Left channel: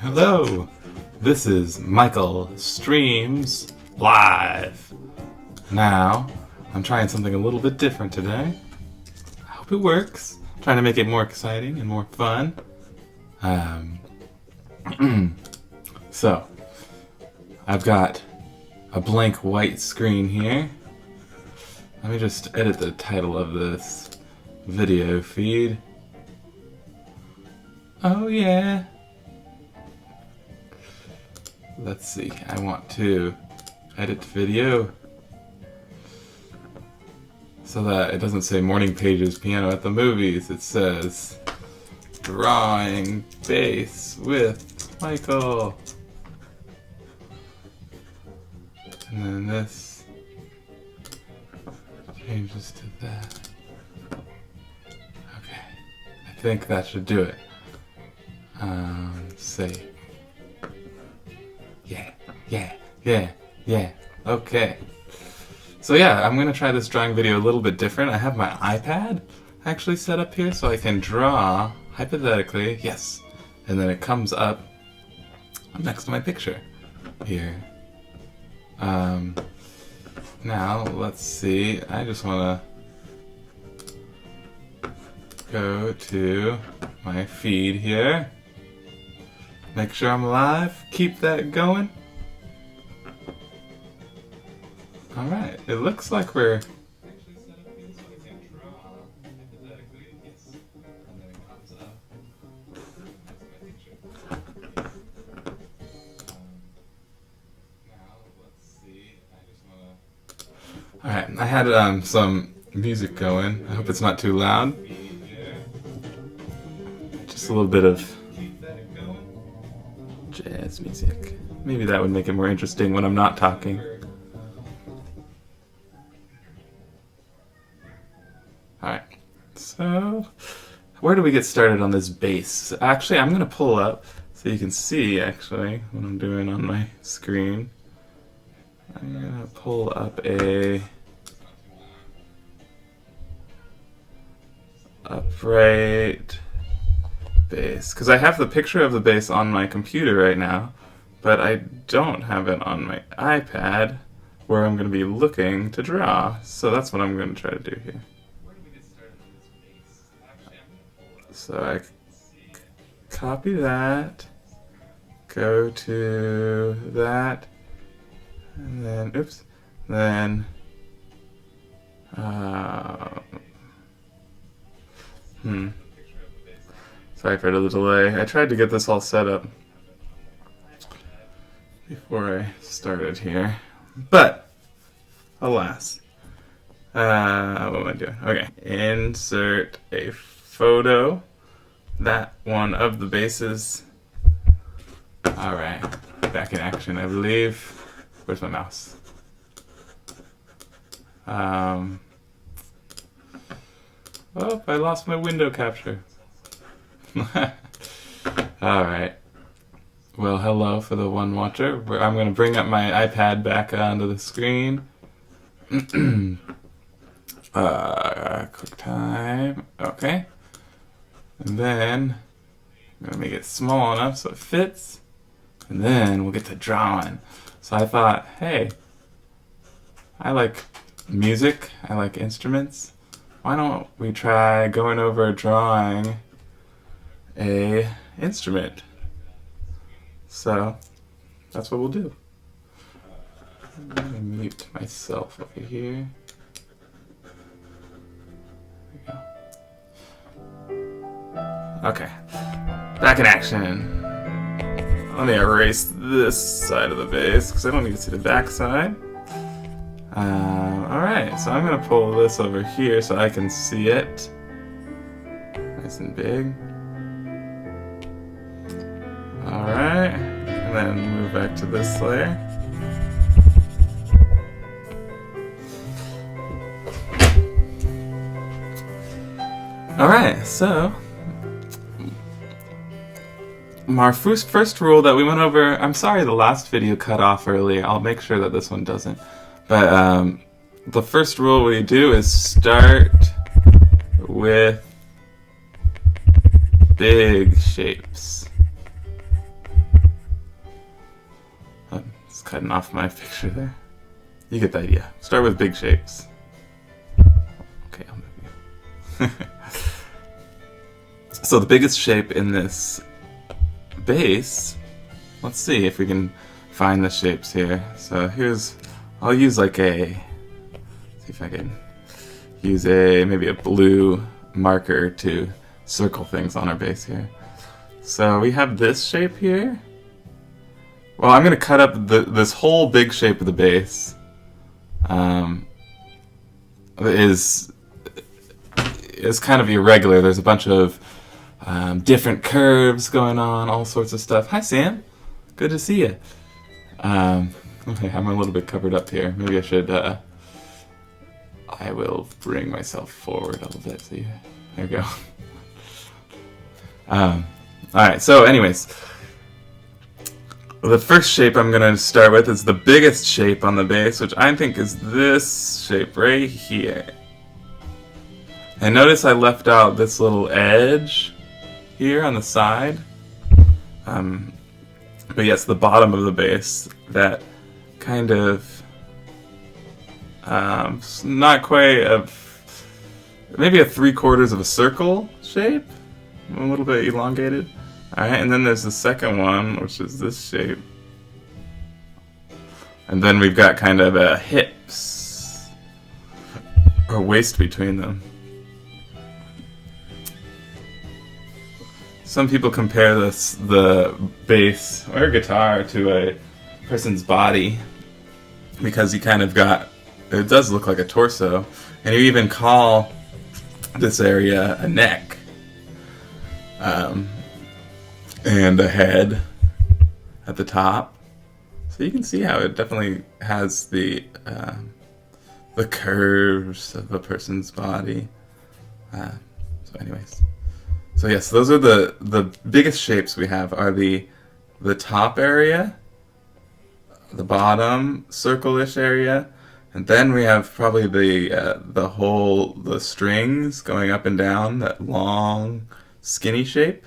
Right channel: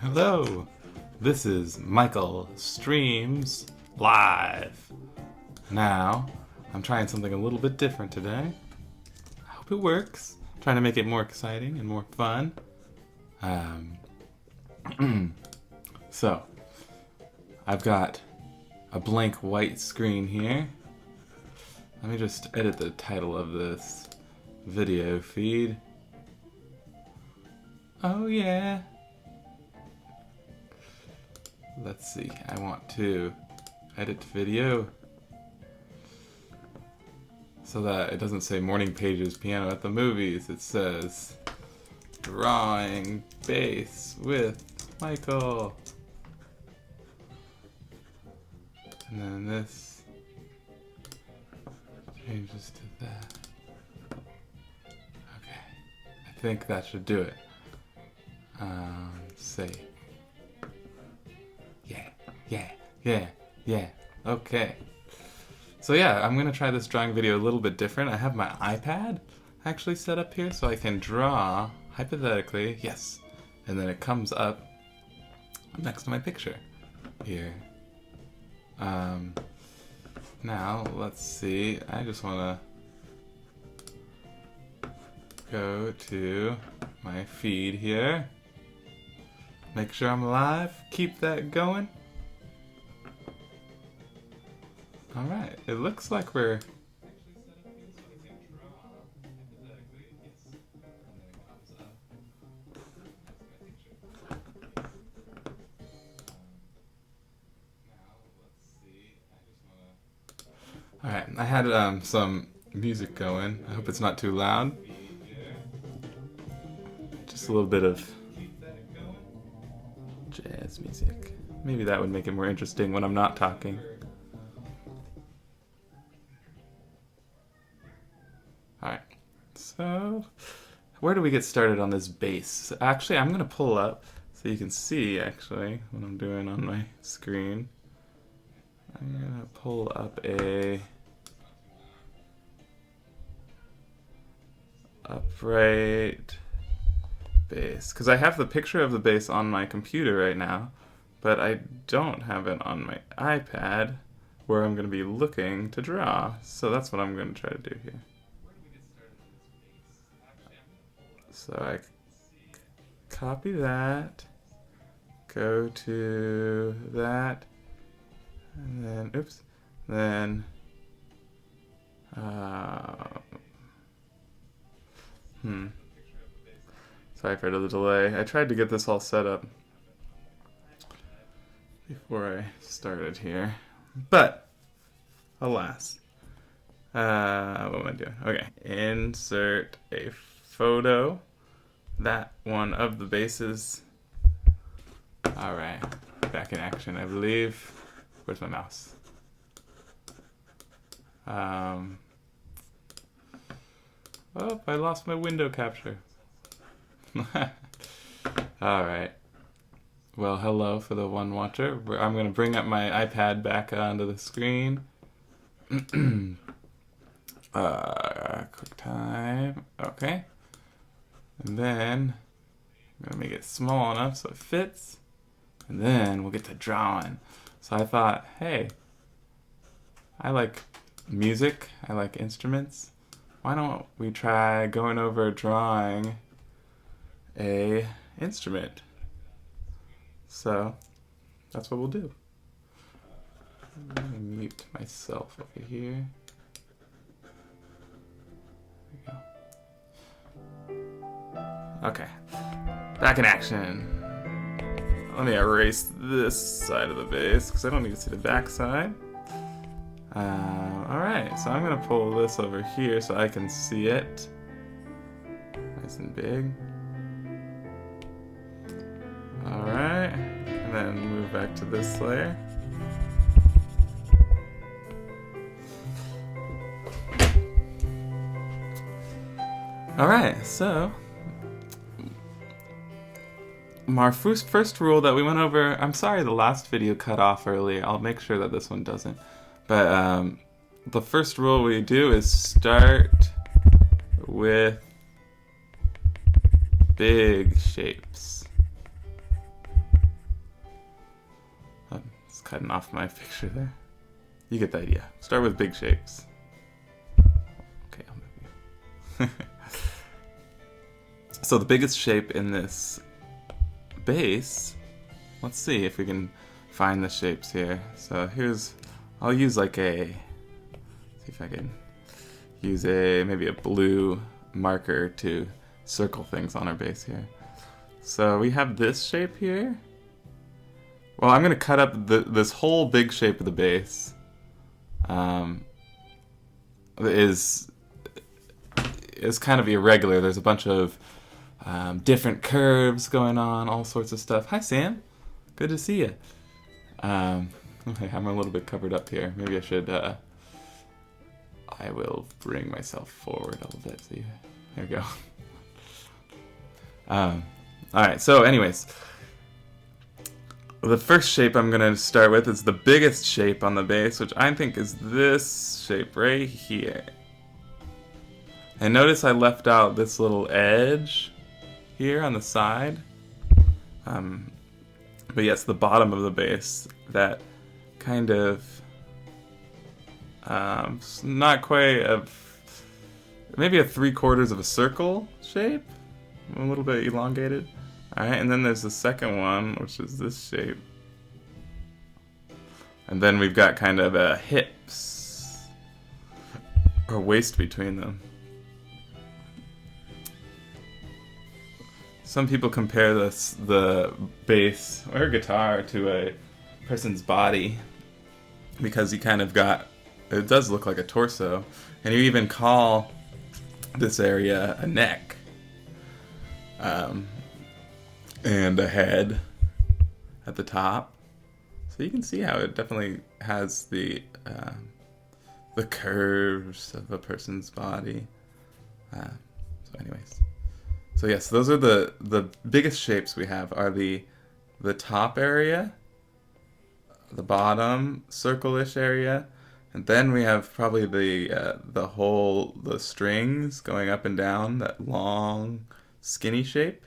Hello, this is Michael Streams Live. Now, I'm trying something a little bit different today. I hope it works. I'm trying to make it more exciting and more fun. So, I've got a blank white screen here. Let me just edit the title of this video feed. Oh yeah. Let's see, I want to edit video so that it doesn't say Morning Pages Piano at the Movies. It says Drawing Bass with Michael. And then this changes to that. Okay, I think that should do it. Say. Yeah. Okay. So yeah, I'm gonna try this drawing video a little bit different. I have my iPad actually set up here so I can draw, hypothetically, yes. And then it comes up next to my picture here. Now, let's see. I just wanna go to my feed here. Make sure I'm live. Keep that going. Alright, it looks like we're Alright, I had some music going. I hope it's not too loud. Just a little bit of jazz music. Maybe that would make it more interesting when I'm not talking. Alright, so where do we get started on this bass? Actually, I'm going to pull up so you can see actually what I'm doing on my screen. I'm going to pull up a upright bass because I have the picture of the bass on my computer right now, but I don't have it on my iPad where I'm going to be looking to draw. So that's what I'm going to try to do here. So I copy that, go to that, and then, oops, then, sorry for the delay. I tried to get this all set up before I started here, but alas. What am I doing? Okay, insert a photo. That one of the bases. Alright, back in action, I believe. Where's my mouse? Oh, I lost my window capture. Alright. Well, hello for the one watcher. I'm going to bring up my iPad back onto the screen. QuickTime. Okay. And then I'm going to make it small enough so it fits. And then we'll get to drawing. So I thought, hey, I like music, I like instruments. Why don't we try going over drawing a instrument? So that's what we'll do. Let me mute myself over here. Okay, back in action. Let me erase this side of the bass because I don't need to see the back side. Alright, so I'm going to pull this over here so I can see it. Nice and big. Alright, and then move back to this layer. Alright, so our first rule that we went over, I'm sorry the last video cut off earlier, I'll make sure that this one doesn't. But the first rule we do is start with big shapes. Just cutting off my picture there. You get the idea. Start with big shapes. Okay, I'll move you. So the biggest shape in this base, let's see if we can find the shapes here. So here's, I'll use like see if I can use maybe a blue marker to circle things on our base here. So we have this shape here. Well, I'm going to cut up this whole big shape of the base. Is kind of irregular. There's a bunch of different curves going on, all sorts of stuff. Hi, Sam. Good to see you. Okay, I'm a little bit covered up here. Maybe I should. I will bring myself forward a little bit. See, there we go. All right. So, anyways, the first shape I'm going to start with is the biggest shape on the base, which I think is this shape right here. And notice I left out this little edge here on the side. But yes, the bottom of the base, that kind of not quite maybe a 3/4 of a circle shape, a little bit elongated. All right, and then there's the second one, which is this shape, and then we've got kind of a hips or waist between them. Some people compare the bass or guitar to a person's body because you kind of got, it does look like a torso, and you even call this area a neck, and a head at the top. So you can see how it definitely has the curves of a person's body. So anyways. So yes, those are the biggest shapes we have are the top area, the bottom circle-ish area, and then we have probably the strings going up and down, that long skinny shape,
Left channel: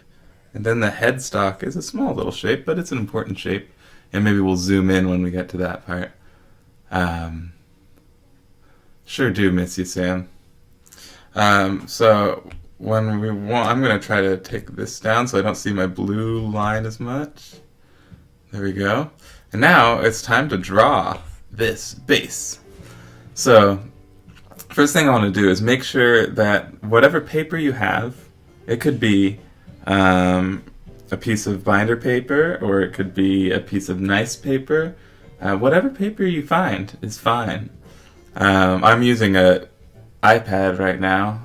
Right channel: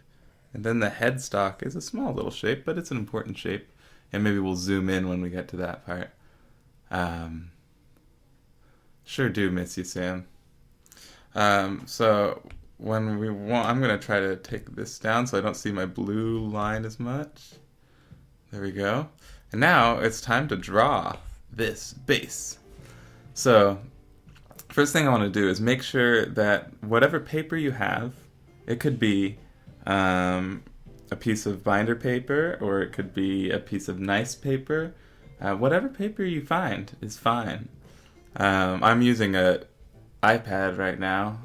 and then the headstock is a small little shape, but it's an important shape, and maybe we'll zoom in when we get to that part. Sure do miss you, Sam. So when I'm going to try to take this down so I don't see my blue line as much. There we go. And now it's time to draw this base. So first thing I want to do is make sure that whatever paper you have, it could be a piece of binder paper, or it could be a piece of nice paper. Whatever paper you find is fine. I'm using an iPad right now.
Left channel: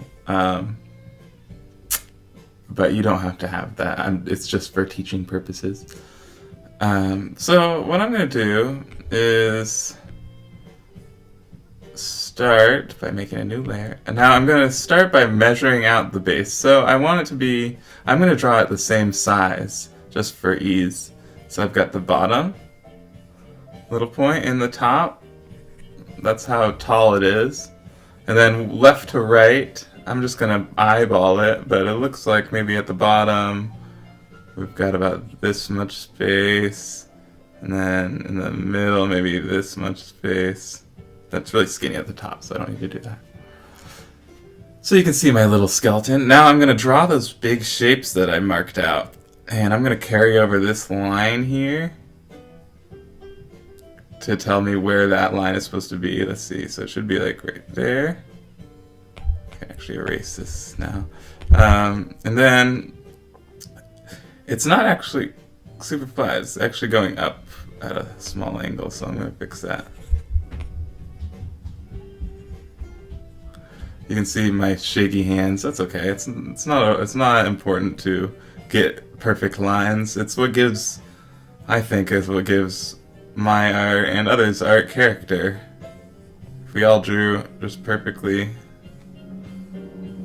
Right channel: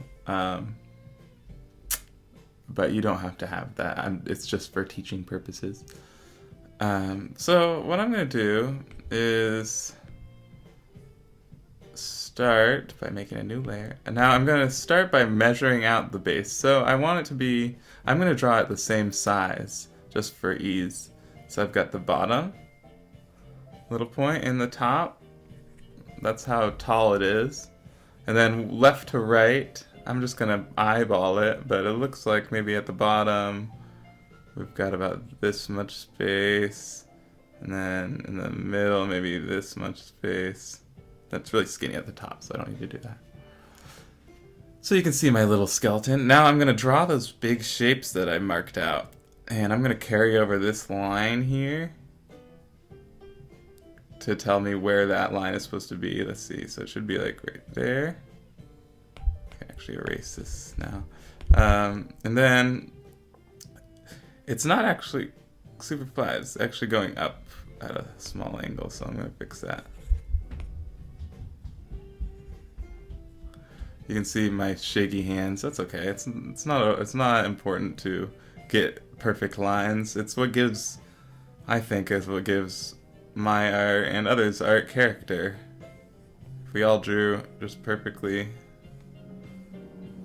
But you don't have to have that. It's just for teaching purposes. So what I'm going to do is start by making a new layer. And now I'm going to start by measuring out the base. So I want it to be, I'm going to draw it the same size, just for ease. So I've got the bottom, little point in the top. That's how tall it is. And then left to right, I'm just going to eyeball it, but it looks like maybe at the bottom we've got about this much space, and then in the middle maybe this much space. That's really skinny at the top, so I don't need to do that. So you can see my little skeleton. Now I'm going to draw those big shapes that I marked out, and I'm going to carry over this line here to tell me where that line is supposed to be. Let's see, so it should be like right there. Actually erase this now. And then it's not actually super flat, it's actually going up at a small angle, so I'm going to fix that. You can see my shaky hands. That's okay. It's not important to get perfect lines. It's what gives, I think, is what gives my art and others' art character. If we all drew just perfectly,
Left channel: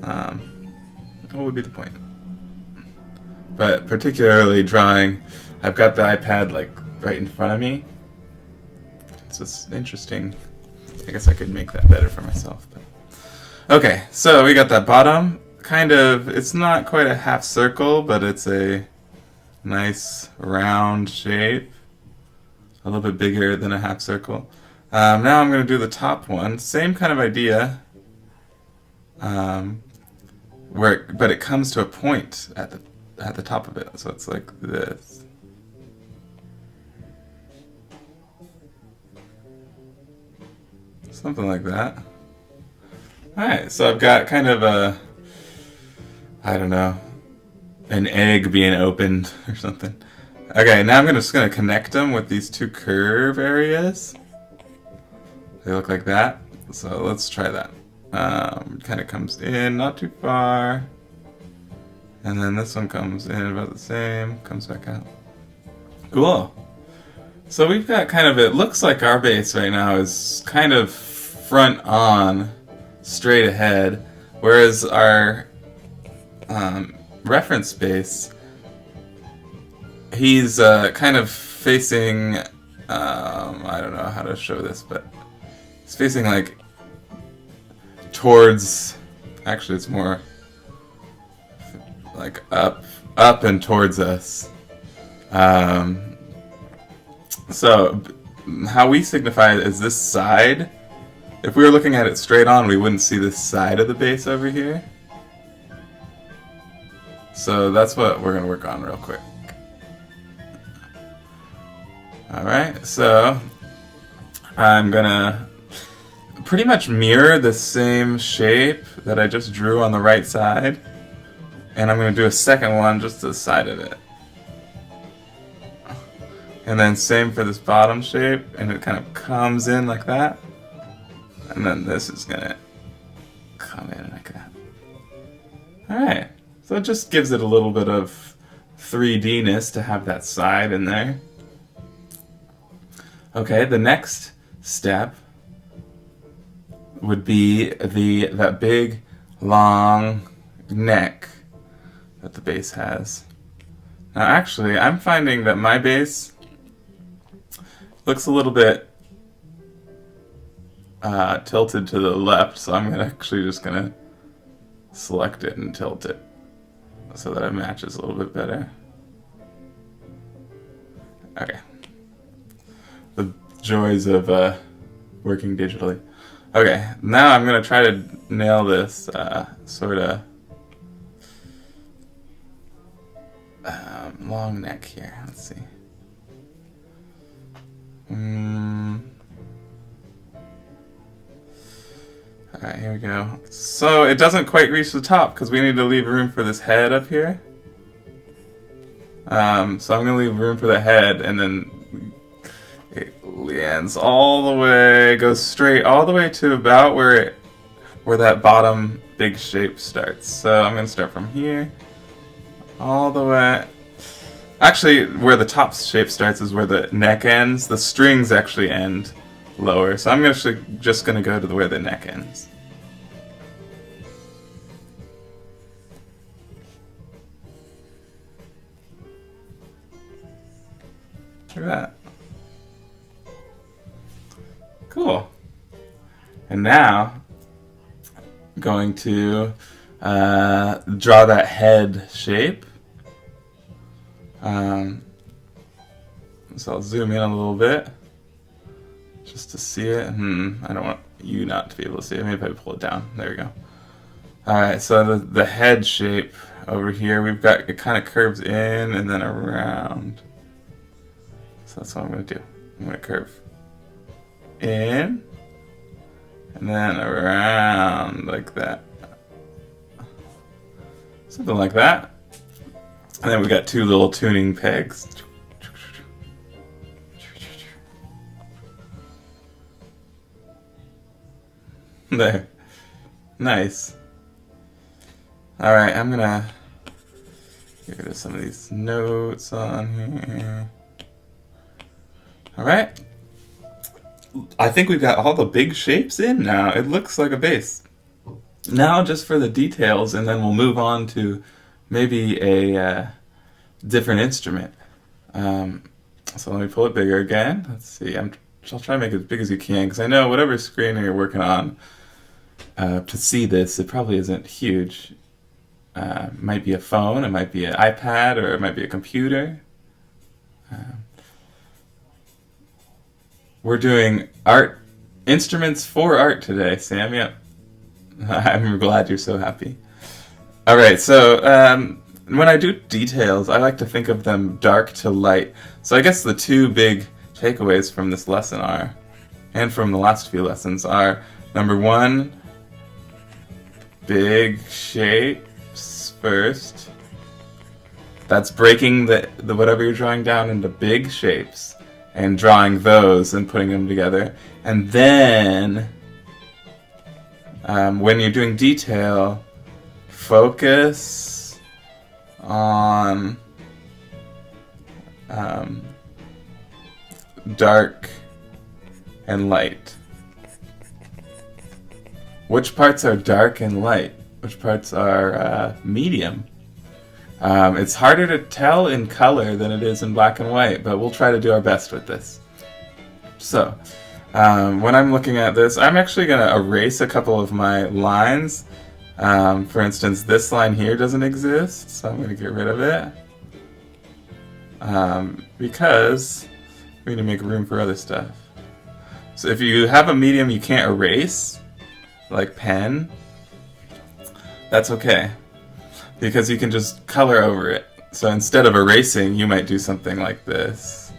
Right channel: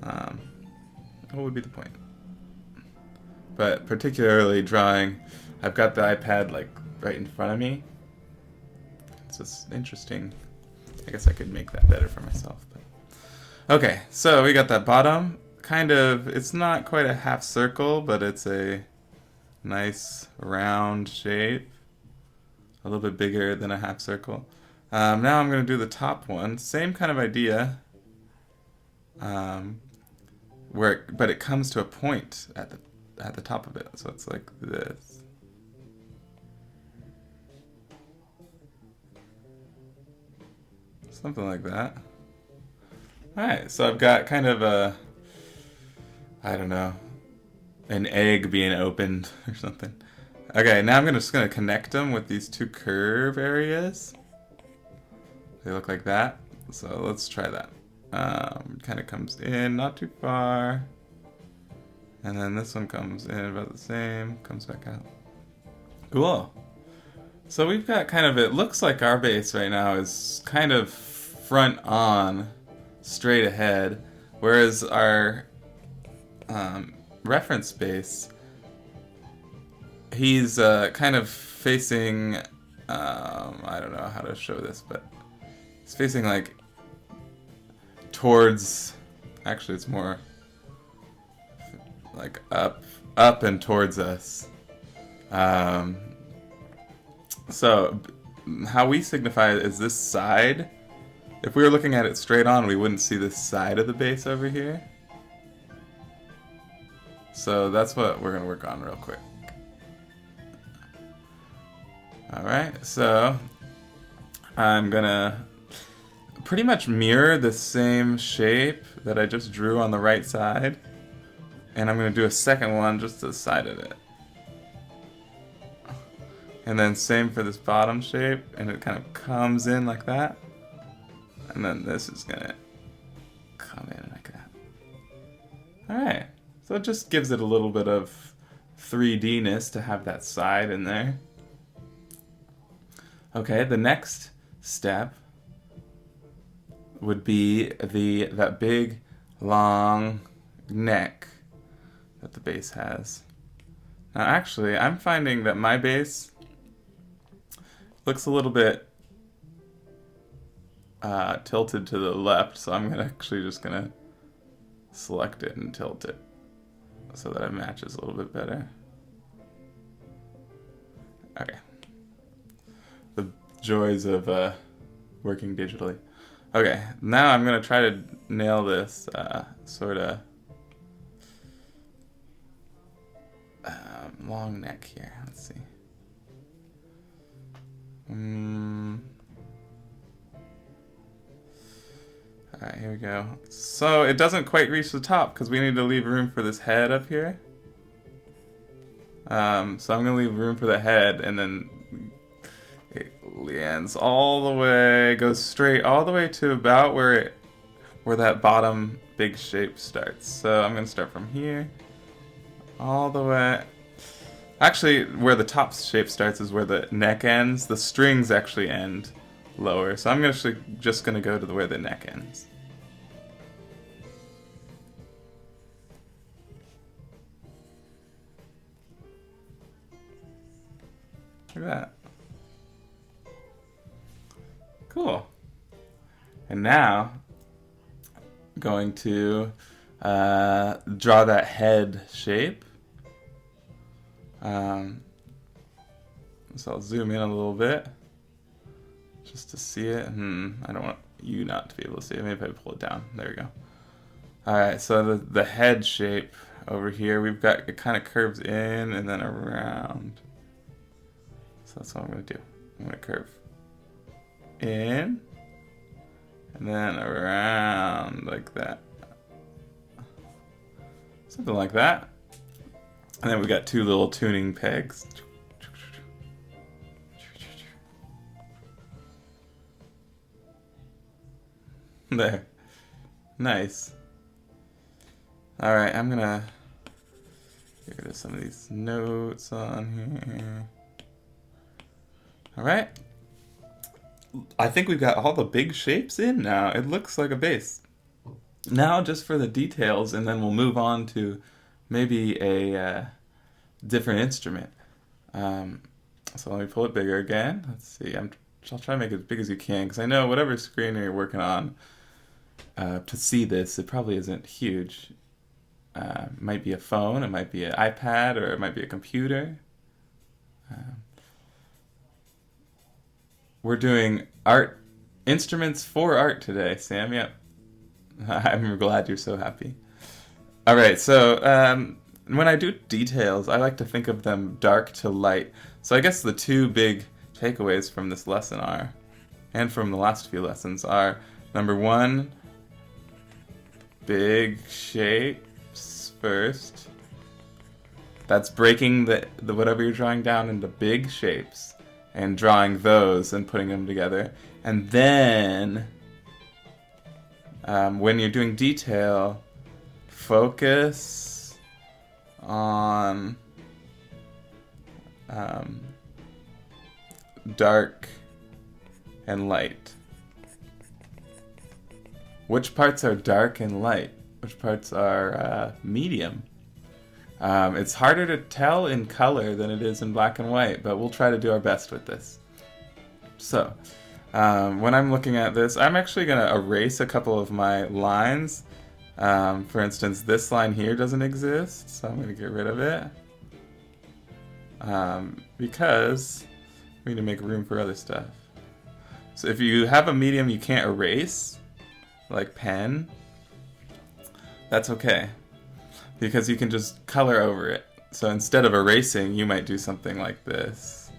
what would be the point? But particularly drawing, I've got the iPad like right in front of me. It's just interesting. I guess I could make that better for myself. But. Okay, so we got that bottom. Kind of, it's not quite a half circle, but it's a nice round shape. a little bit bigger than a half circle. Now I'm going to do the top one. Same kind of idea, but it comes to a point at the top of it. So it's like this. Something like that. Alright, so I've got kind of a, I don't know, an egg being opened or something. Okay, now I'm just going to connect them with these two curve areas. They look like that. So let's try that. Kind of comes in, not too far. And then this one comes in about the same, comes back out. Cool. So we've got kind of, it looks like our base right now is kind of front on, straight ahead, whereas our reference base, he's kind of facing, I don't know how to show this, but he's facing like towards, actually it's more like up and towards us. So how we signify it is this side. If we were looking at it straight on, we wouldn't see this side of the base over here. So that's what we're going to work on real quick. Alright, so I'm going to pretty much mirror the same shape that I just drew on the right side. And I'm going to do a second one just to the side of it. And then same for this bottom shape, and it kind of comes in like that. And then this is going to come in like that. Alright, so it just gives it a little bit of 3D-ness to have that side in there. Okay, the next step would be that big, long neck that the base has. Now actually, I'm finding that my base looks a little bit tilted to the left, so I'm actually just going to select it and tilt it so that it matches a little bit better. Okay. The joys of working digitally. Okay, now I'm going to try to nail this sort of long neck here. Let's see. Alright, here we go. So it doesn't quite reach the top because we need to leave room for this head up here. So I'm going to leave room for the head, and then it lands all the way, goes straight all the way to about where that bottom big shape starts. So I'm going to start from here all the way. Actually, where the top shape starts is where the neck ends. The strings actually end lower. So I'm actually just going to go to where the neck ends. Look at that. Cool. And now, I'm going to draw that head shape. So I'll zoom in a little bit just to see it. I don't want you not to be able to see it. Maybe if I pull it down. There we go. Alright, so the head shape over here, we've got, it kind of curves in and then around. So that's what I'm going to do. I'm going to curve in and then around like that. Something like that. And then we got two little tuning pegs. There. Nice. Alright, I'm gonna get rid of some of these notes on here. Alright. I think we've got all the big shapes in now. It looks like a base. Now just for the details, and then we'll move on to maybe a different instrument. So let me pull it bigger again. Let's see. I'll try to make it as big as you can, because I know whatever screen you're working on, to see this, it probably isn't huge. It might be a phone, it might be an iPad, or it might be a computer. We're doing art instruments for art today, Sam. Yep. I'm glad you're so happy. All right, so when I do details, I like to think of them dark to light. So I guess the two big takeaways from this lesson are, and from the last few lessons, are number one, big shapes first. That's breaking the whatever you're drawing down into big shapes and drawing those and putting them together. And then when you're doing detail, focus on dark and light. Which parts are dark and light? Which parts are medium? It's harder to tell in color than it is in black and white, but we'll try to do our best with this. So, when I'm looking at this, I'm actually going to erase a couple of my lines. For instance, this line here doesn't exist, so I'm going to get rid of it. Because we need to make room for other stuff. So if you have a medium you can't erase, like pen, that's okay. Because you can just color over it. So instead of erasing, you might do something like this.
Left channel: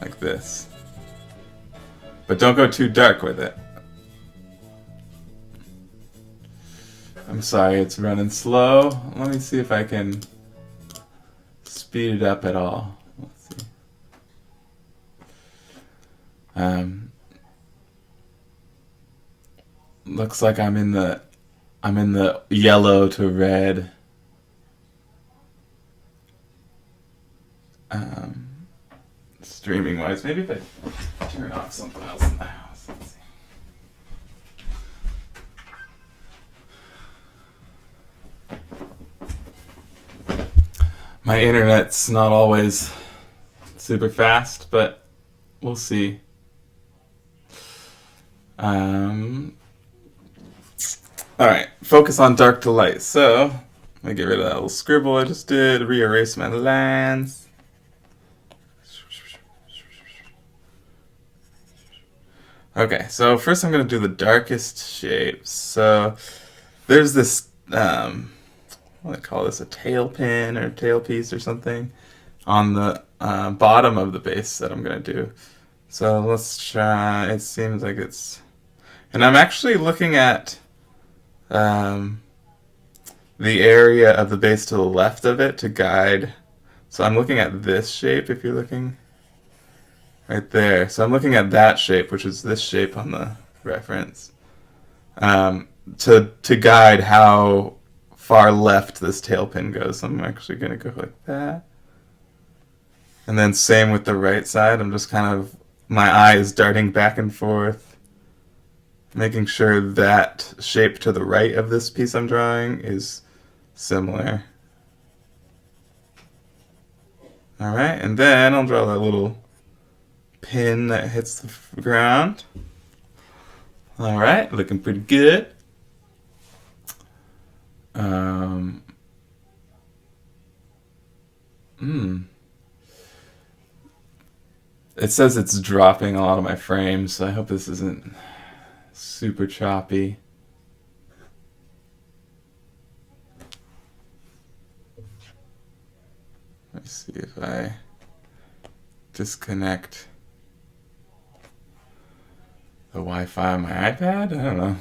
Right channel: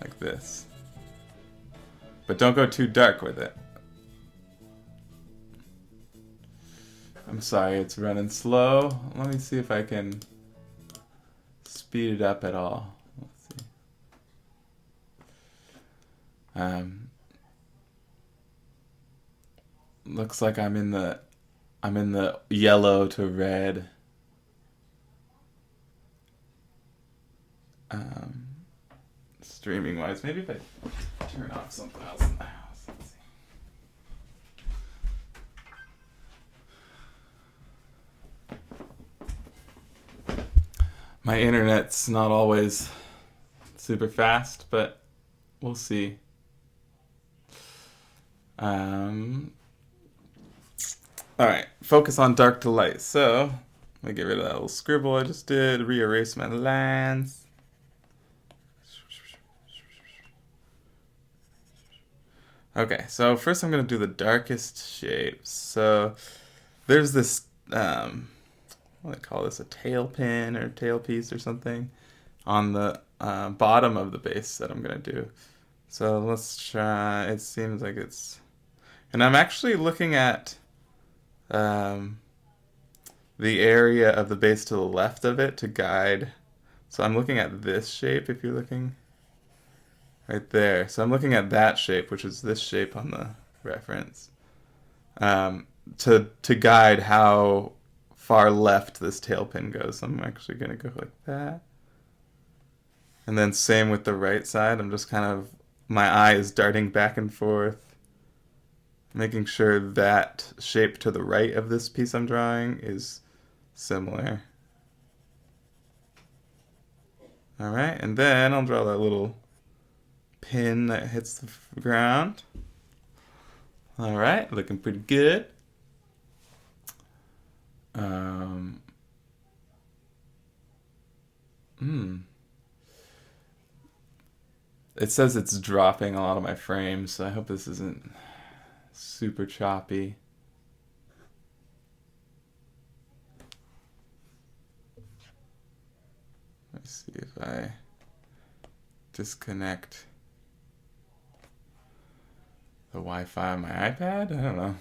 Like this. But don't go too dark with it. I'm sorry, it's running slow. Let me see if I can speed it up at all. Let's see. Looks like I'm in the yellow to red. Streaming wise, maybe if I turn off something else in the house. Let's see. My internet's not always super fast, but we'll see. Alright, focus on dark to light. So, let me get rid of that little scribble I just did, re-erase my lines. Okay, so first I'm going to do the darkest shapes. So, there's this, what do I call this, a tail pin or tailpiece or something on the bottom of the base that I'm going to do. So let's try, it seems like it's, and I'm actually looking at the area of the base to the left of it to guide. So I'm looking at this shape, if you're looking right there. So I'm looking at that shape, which is this shape on the reference, to guide how far left this tail pin goes. So I'm actually going to go like that. And then same with the right side. I'm just kind of, my eye is darting back and forth, making sure that shape to the right of this piece I'm drawing is similar. Alright, and then I'll draw that little pin that hits the ground. Alright, looking pretty good. It says it's dropping a lot of my frames, so I hope this isn't super choppy. Let's see if I disconnect the Wi-Fi on my iPad? I don't know.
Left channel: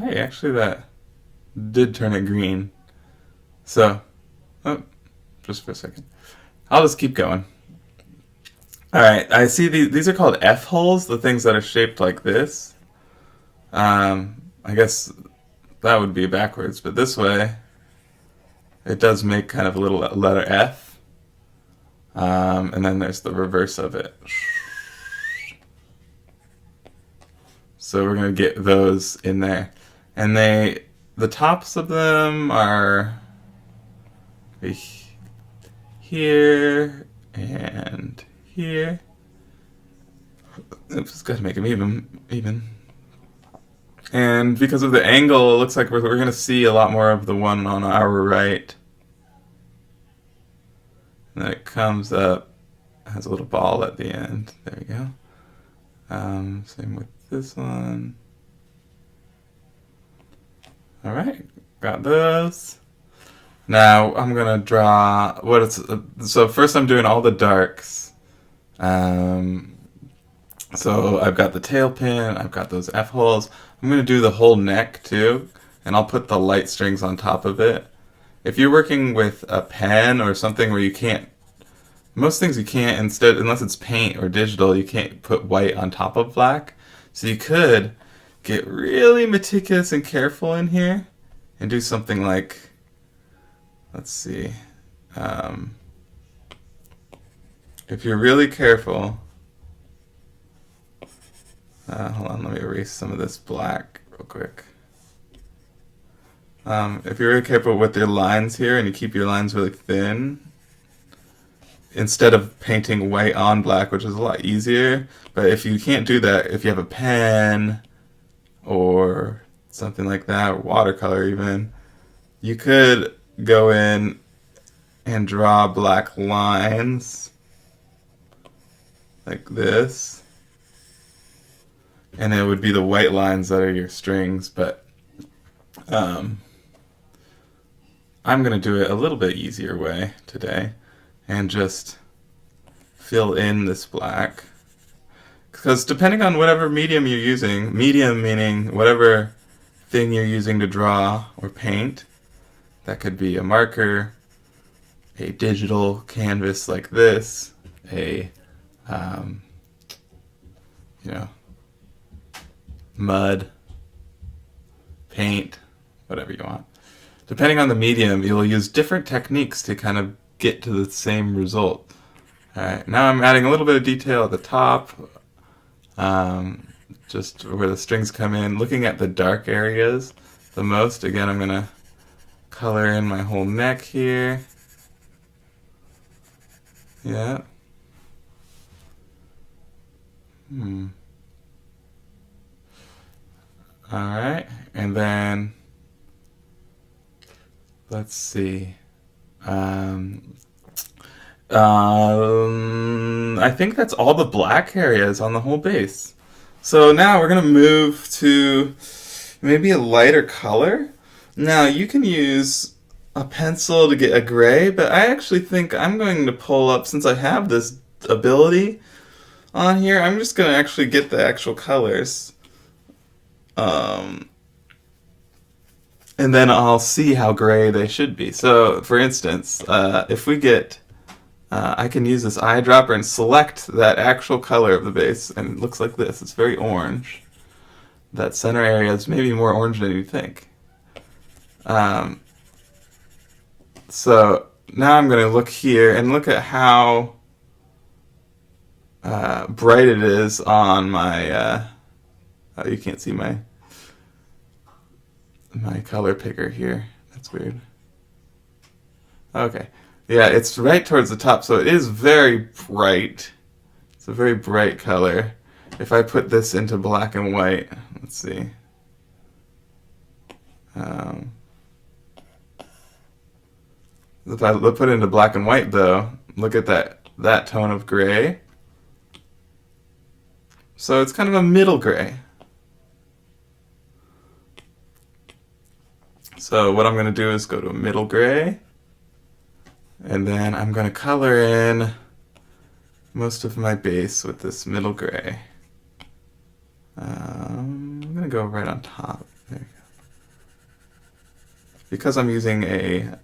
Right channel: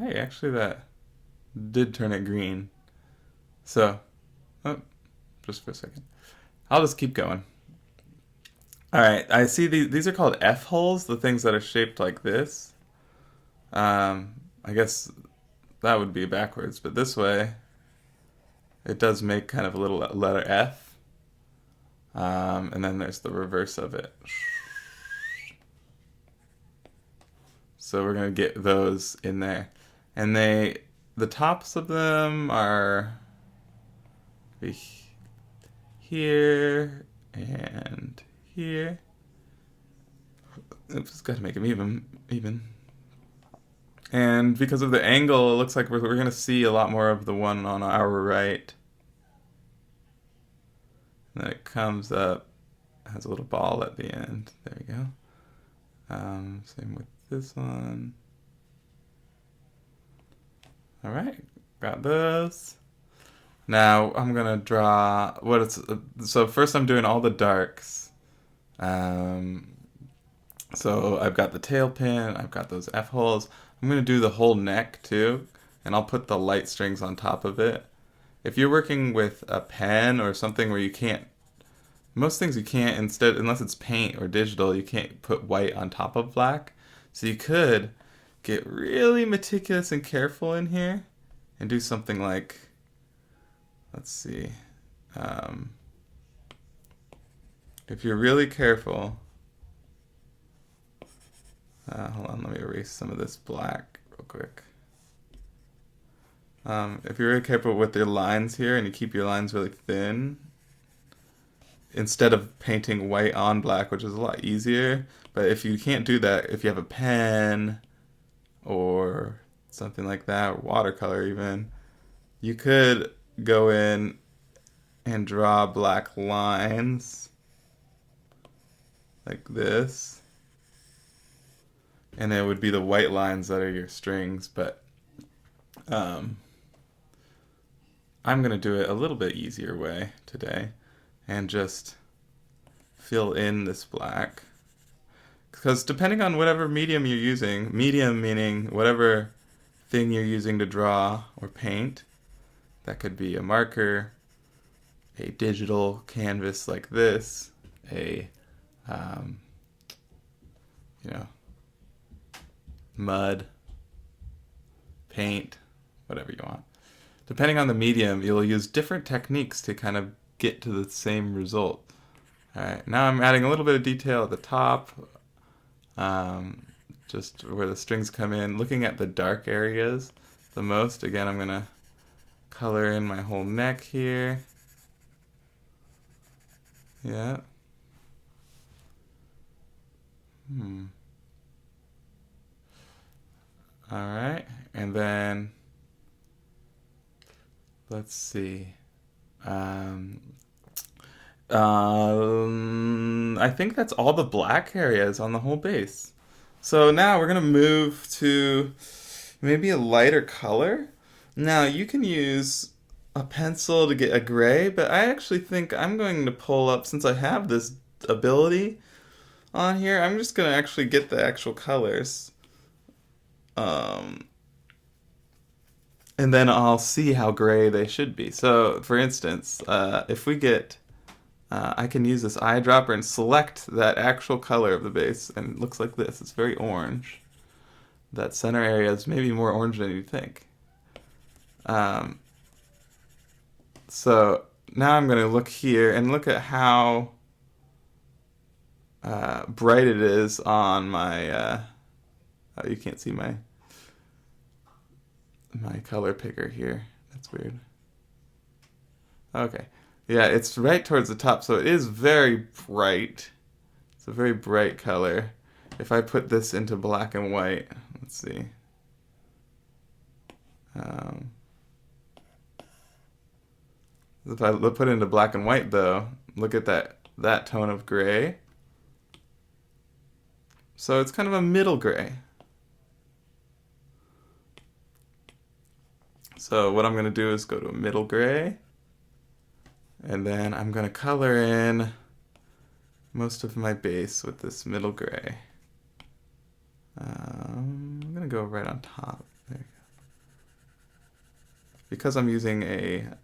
Hey, actually that did turn it green. So, oh, just for a second. I'll just keep going. Alright, I see these are called F-holes, the things that are shaped like this. I guess that would be backwards, but this way it does make kind of a little letter F. And then there's the reverse of it. So we're going to get those in there. And the tops of them are here and here. Oops, got to make them even. And because of the angle, it looks like we're going to see a lot more of the one on our right. And then it comes up, has a little ball at the end. There we go. Same with this one. Alright, got those. Now I'm going to draw what it's. So first I'm doing all the darks. So I've got the tail pin, I've got those F-holes. I'm going to do the whole neck too, and I'll put the light strings on top of it. If you're working with a pen or something where you can't, most things you can't, instead, unless it's paint or digital, you can't put white on top of black. So you could get really meticulous and careful in here and do something like, let's see, if you're really careful, hold on, let me erase some of this black real quick. If you're really careful with your lines here and you keep your lines really thin, instead of painting white on black, which is a lot easier, but if you can't do that, if you have a pen or something like that, or watercolor even, you could go in and draw black lines like this. And it would be the white lines that are your strings, but I'm going to do it a little bit easier way today and just fill in this black. Because depending on whatever medium you're using, medium meaning whatever thing you're using to draw or paint, that could be a marker, a digital canvas like this, a, mud, paint, whatever you want. Depending on the medium, you'll use different techniques to kind of get to the same result. Alright, now I'm adding a little bit of detail at the top, just where the strings come in, looking at the dark areas the most. Again, I'm going to color in my whole neck here. Yeah. Alright, and then let's see. I think that's all the black areas on the whole base. So now we're going to move to maybe a lighter color. Now you can use a pencil to get a gray, but I actually think I'm going to pull up, since I have this ability on here, I'm just going to actually get the actual colors. And then I'll see how gray they should be. So, for instance, if we get, I can use this eyedropper and select that actual color of the base, and it looks like this. It's very orange. That center area is maybe more orange than you think. So now I'm going to look here and look at how bright it is on my, oh, you can't see my color picker here. That's weird. Okay. Yeah, it's right towards the top, so it is very bright. It's a very bright color. If I put this into black and white, let's see. If I put it into black and white, though, look at that tone of gray. So it's kind of a middle gray. So what I'm going to do is go to a middle gray, and then I'm going to color in most of my base with this middle gray. I'm going to go right on top. There you go. Because I'm using a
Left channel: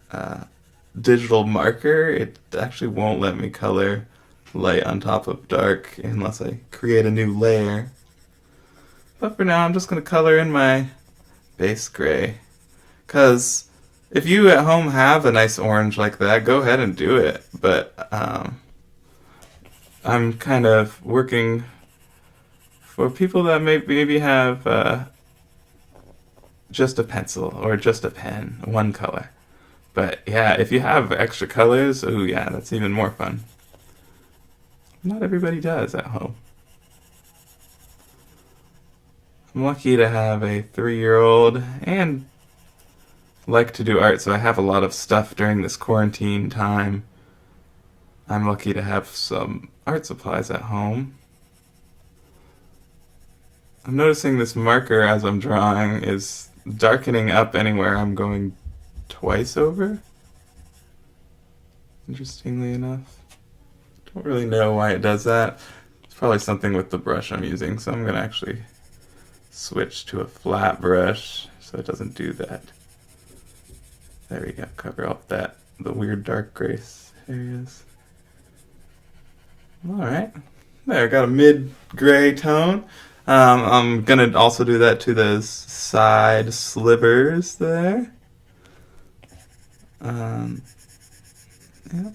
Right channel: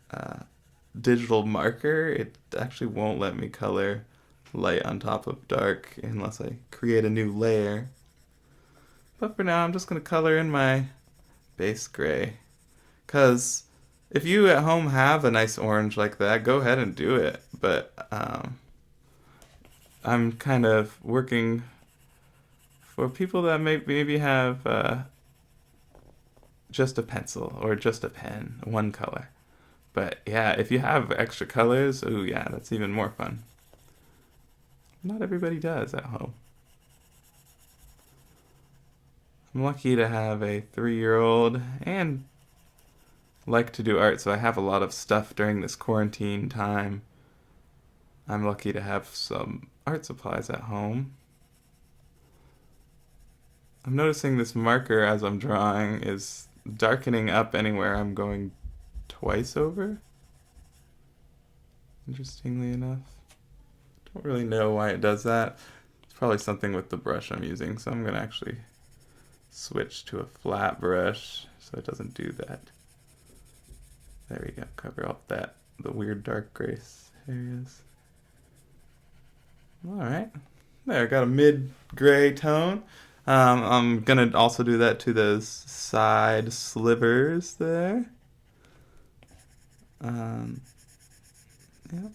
digital marker, it actually won't let me color light on top of dark unless I create a new layer. But for now, I'm just going to color in my base gray. Because if you at home have a nice orange like that, go ahead and do it. But I'm kind of working for people that maybe have just a pencil or just a pen, one color. But yeah, if you have extra colors, oh yeah, that's even more fun. Not everybody does at home. I'm lucky to have a 3-year-old and like to do art, so I have a lot of stuff during this quarantine time. I'm lucky to have some art supplies at home. I'm noticing this marker as I'm drawing is darkening up anywhere I'm going twice over. Interestingly enough. Don't really know why it does that. It's probably something with the brush I'm using, so I'm going to actually switch to a flat brush so it doesn't do that. There we go, cover up the weird dark gray areas. Alright, there, got a mid-gray tone. I'm going to also do that to those side slivers there. Yep.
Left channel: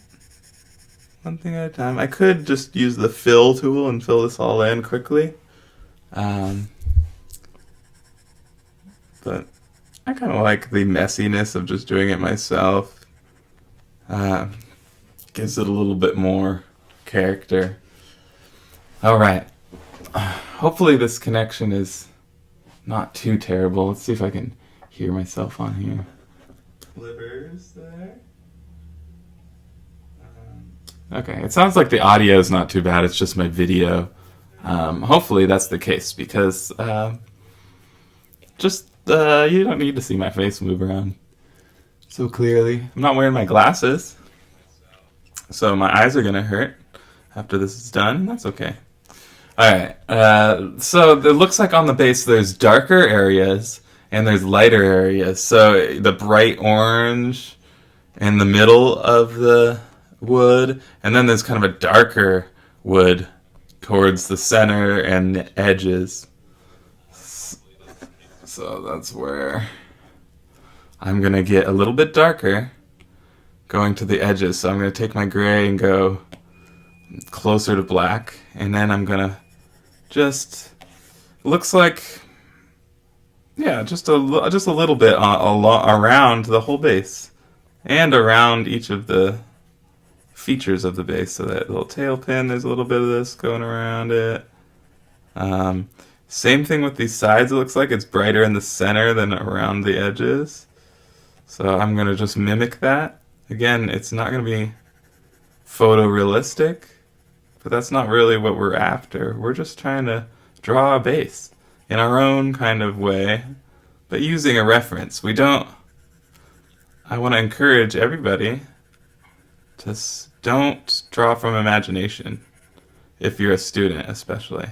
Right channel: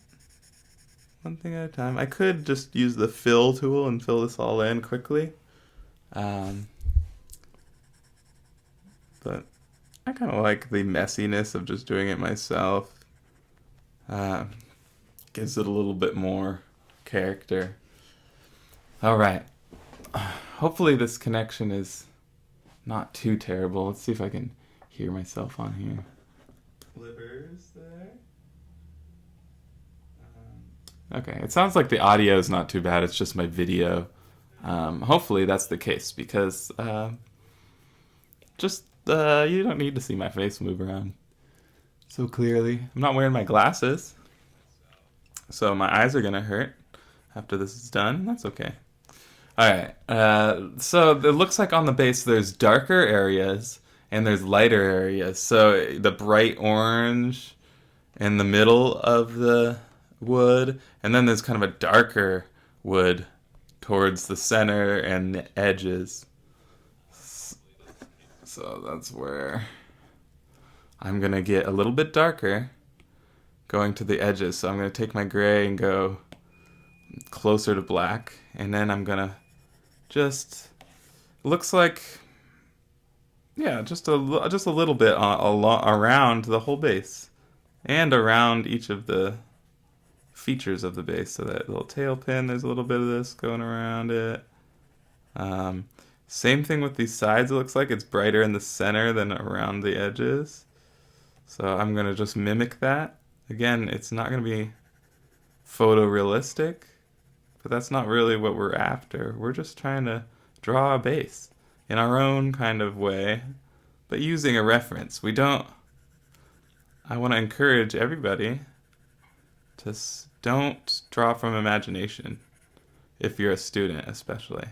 One thing at a time. I could just use the fill tool and fill this all in quickly. But I kind of like the messiness of just doing it myself. Gives it a little bit more character. Alright. Hopefully this connection is not too terrible. Let's see if I can hear myself on here. Slivers there. Okay, it sounds like the audio is not too bad. It's just my video. Hopefully that's the case because you don't need to see my face move around so clearly. I'm not wearing my glasses, so my eyes are gonna hurt after this is done. That's okay. Alright, so it looks like on the base there's darker areas and there's lighter areas. So the bright orange in the middle of the wood, and then there's kind of a darker wood towards the center and the edges. So that's where I'm going to get a little bit darker going to the edges. So I'm going to take my gray and go closer to black, and then I'm going to just, looks like, yeah, just a little bit around the whole base and around each of the features of the base. So that little tail pin, there's a little bit of this going around it. Same thing with these sides. It looks like it's brighter in the center than around the edges. So I'm going to just mimic that. Again, it's not going to be photorealistic, but that's not really what we're after. We're just trying to draw a base in our own kind of way, but using a reference. I want to encourage everybody to don't draw from imagination, if you're a student especially.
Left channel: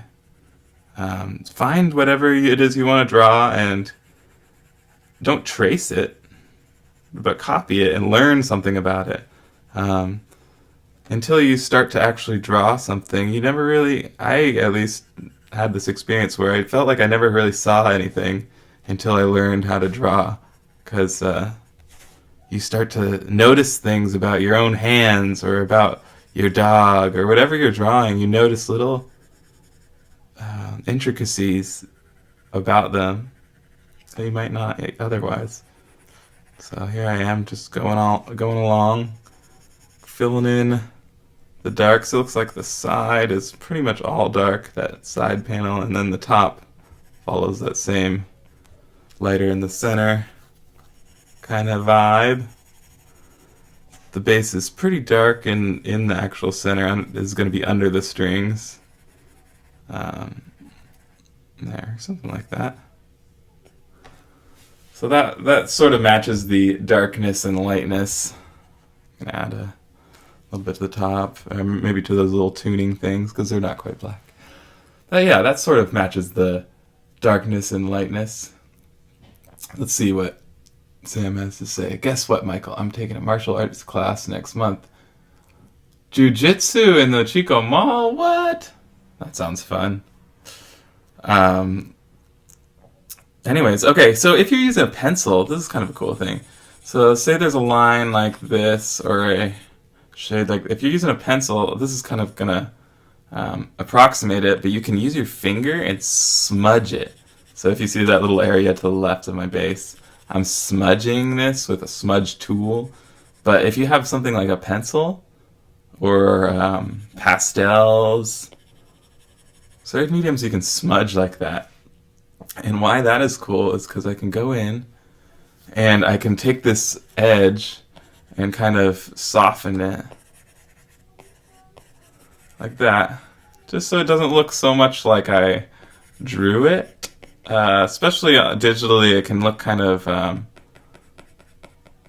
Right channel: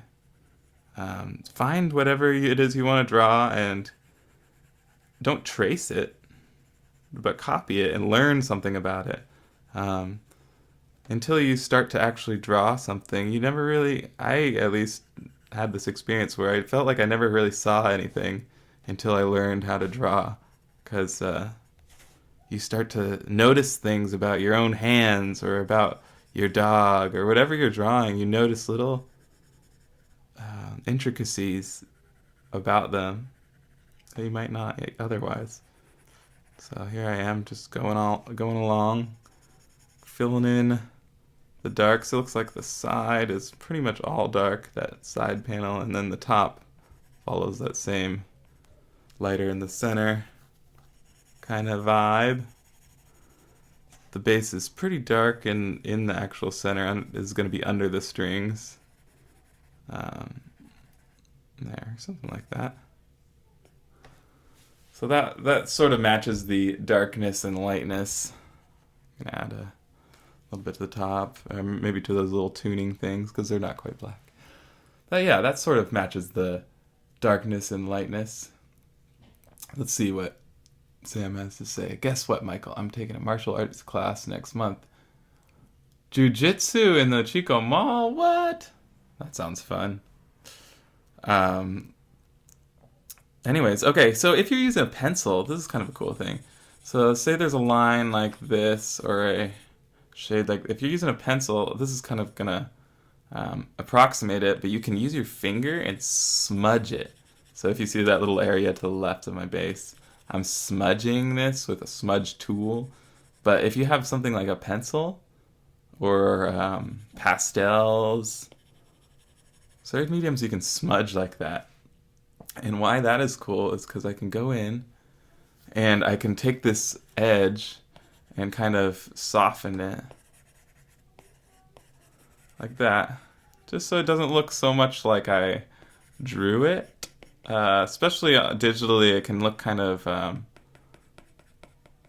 Find whatever it is you want to draw and don't trace it, but copy it and learn something about it. Until you start to actually draw something, you never really, I at least had this experience where I felt like I never really saw anything until I learned how to draw, because you start to notice things about your own hands or about your dog or whatever you're drawing. You notice little intricacies about them that you might not otherwise. So here I am, just going along, filling in the darks. It looks like the side is pretty much all dark, that side panel, and then the top follows that same lighter in the center kind of vibe. The base is pretty dark in the actual center. Is going to be under the strings. There, something like that. So that sort of matches the darkness and lightness. I'm going to add a little bit to the top, or maybe to those little tuning things, because they're not quite black. But yeah, that sort of matches the darkness and lightness. Let's see what Sam has to say. Guess what, Michael? I'm taking a martial arts class next month. Jiu-jitsu in the Chico Mall? What? That sounds fun. Anyways, okay, so if you're using a pencil, this is kind of a cool thing. So say there's a line like this, or a shade like, if you're using a pencil, this is kind of gonna approximate it, but you can use your finger and smudge it. So if you see that little area to the left of my base, I'm smudging this with a smudge tool. But if you have something like a pencil or pastels, certain mediums you can smudge like that. And why that is cool is because I can go in and I can take this edge and kind of soften it like that, just so it doesn't look so much like I drew it. Especially digitally, it can look kind of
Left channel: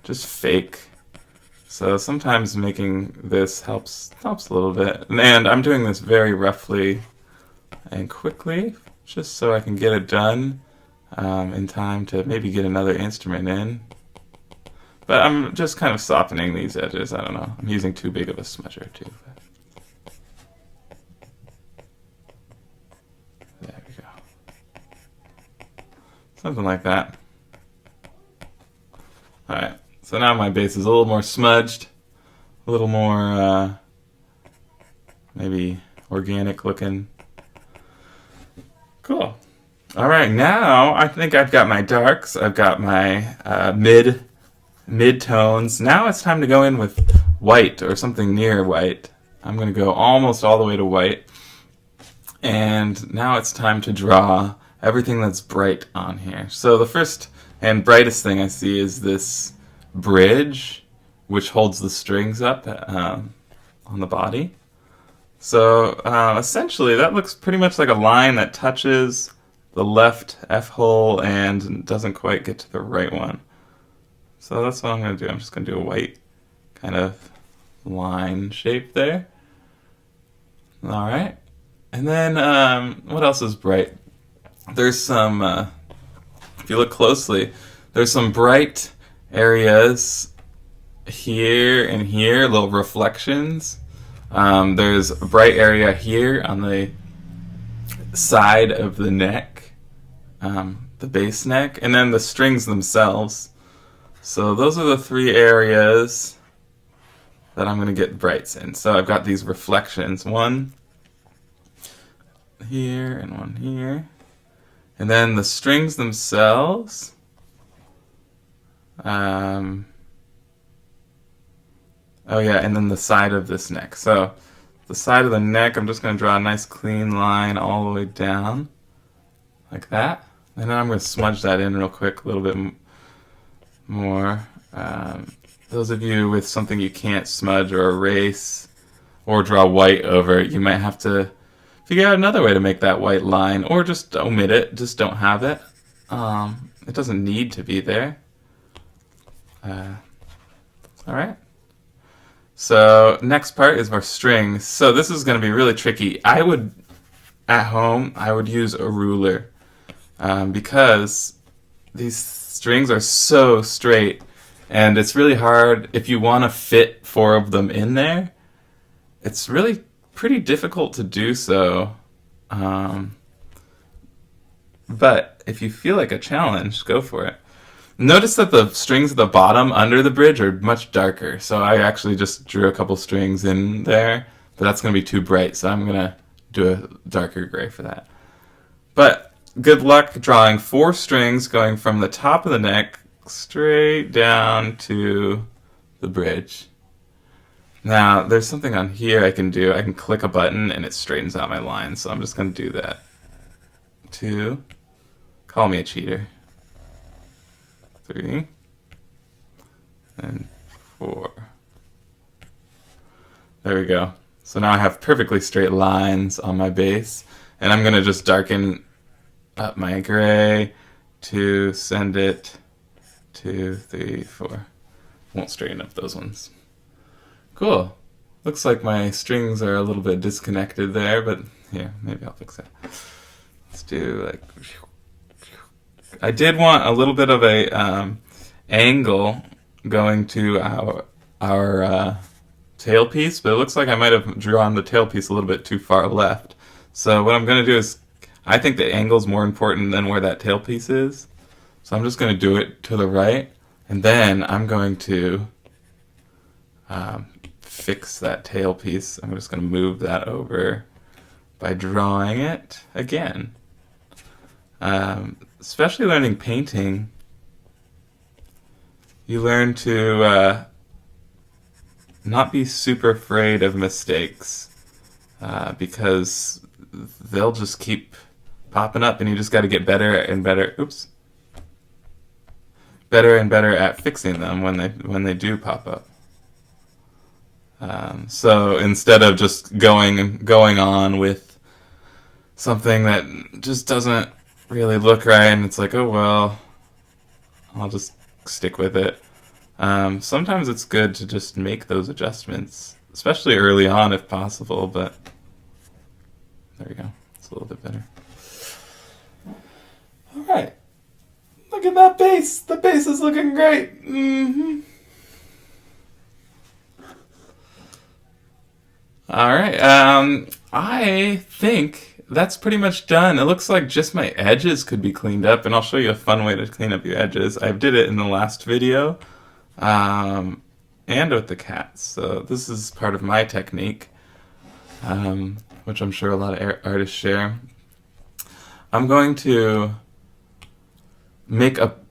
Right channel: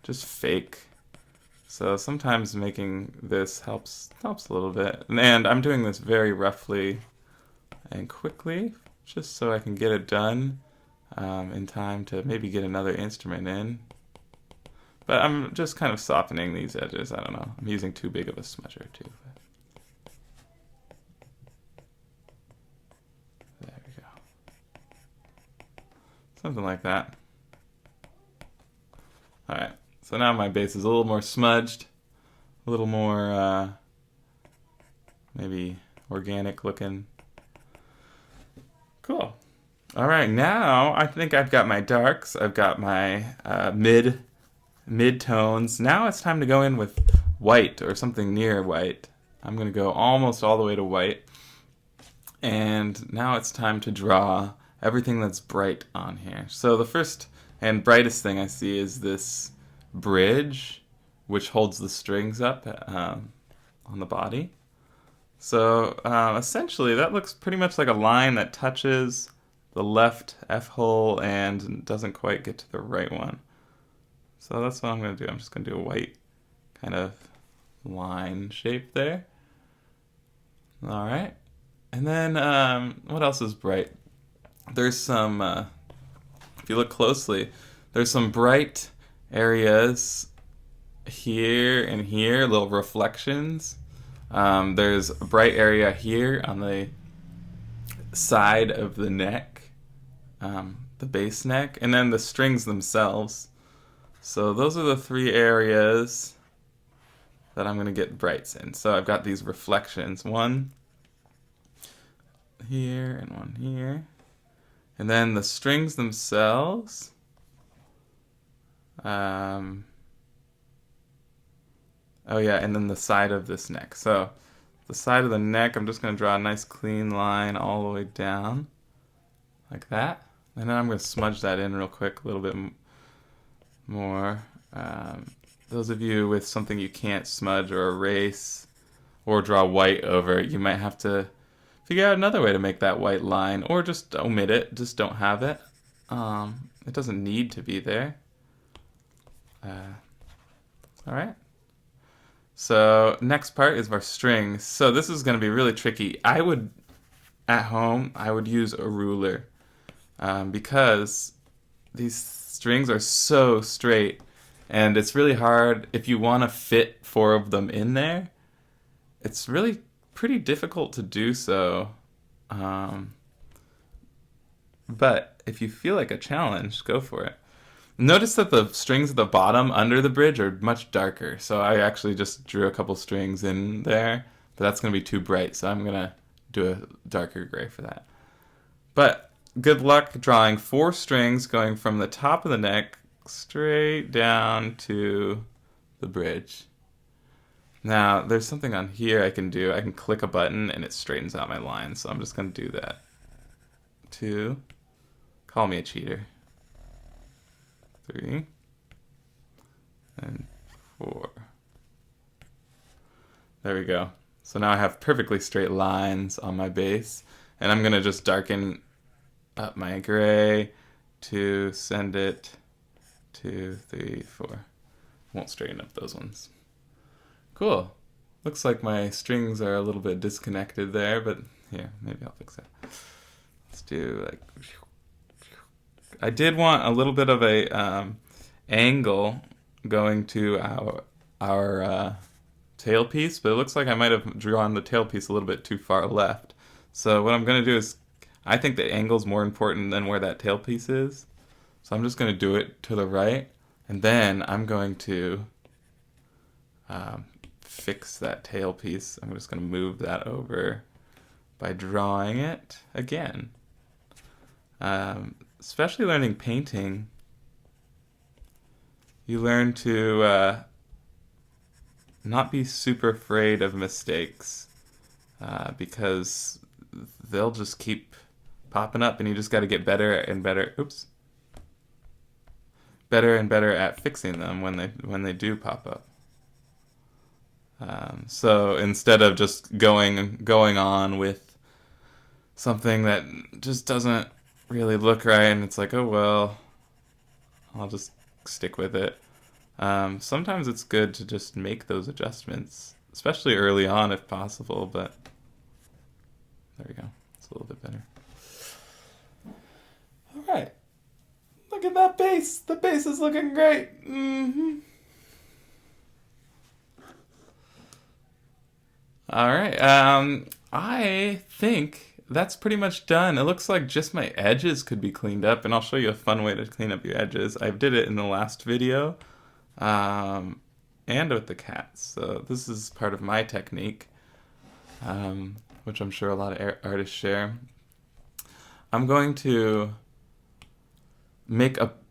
just fake. So sometimes making this helps a little bit. And I'm doing this very roughly and quickly, just so I can get it done in time to maybe get another instrument in. But I'm just kind of softening these edges. I don't know. I'm using too big of a smudger too. There we go. Something like that. Alright, so now my base is a little more smudged, a little more maybe organic looking. Cool. Alright, now I think I've got my darks, I've got my mid-tones. Now it's time to go in with white or something near white. I'm going to go almost all the way to white. And now it's time to draw everything that's bright on here. So the first and brightest thing I see is this bridge, which holds the strings up on the body. So essentially that looks pretty much like a line that touches the left F hole and doesn't quite get to the right one. So that's what I'm going to do. I'm just going to do a white kind of line shape there. Alright. And then what else is bright? There's some, if you look closely, there's some bright areas here and here, little reflections. There's a bright area here on the side of the neck, the base neck, and then the strings themselves. So those are the three areas that I'm going to get brights in. So I've got these reflections, one here and one here. And then the strings themselves, oh yeah, and then the side of this neck. So the side of the neck, I'm just going to draw a nice clean line all the way down, like that. And then I'm going to smudge that in real quick, a little bit more. Those of you with something you can't smudge or erase or draw white over, you might have to figure out another way to make that white line, or just omit it, just don't have it. It doesn't need to be there. Alright. So next part is our strings. So this is going to be really tricky. At home, I would use a ruler because these strings are so straight, and it's really hard if you want to fit 4 of them in there. It's really pretty difficult to do so. But if you feel like a challenge, go for it. Notice that the strings at the bottom under the bridge are much darker. So I actually just drew a couple strings in there, but that's going to be too bright. So I'm going to do a darker gray for that. But good luck drawing 4 strings going from the top of the neck straight down to the bridge. Now, there's something on here I can do. I can click a button and it straightens out my line. So I'm just going to do that. 2. Call me a cheater. 3. And 4. There we go. So now I have perfectly straight lines on my base. And I'm going to just darken up my gray to send it 2, 3, 4. Won't straighten up those ones. Cool. Looks like my strings are a little bit disconnected there, but here, maybe I'll fix that. Let's do like... I did want a little bit of a angle going to our tailpiece, but it looks like I might have drawn the tailpiece a little bit too far left. So what I'm going to do is, I think the angle is more important than where that tailpiece is. So I'm just going to do it to the right, and then I'm going to fix that tailpiece. I'm just going to move that over by drawing it again. Especially learning painting, you learn to not be super afraid of mistakes because they'll just keep popping up, and you just got to get better and better. Oops. Better and better at fixing them when they do pop up. So instead of just going on with something that just doesn't really look right, and it's like, oh well, I'll just stick with it. Sometimes it's good to just make those adjustments, especially early on if possible, but there we go. It's a little bit better. Alright. Look at that base. The base is looking great. Mm-hmm. Alright. I think that's pretty much done. It looks like just my edges could be cleaned up, and I'll show you a fun way to clean up your edges. I did it in the last video. And with the cats. So this is part of my technique, which I'm sure a lot of artists share. I'm going to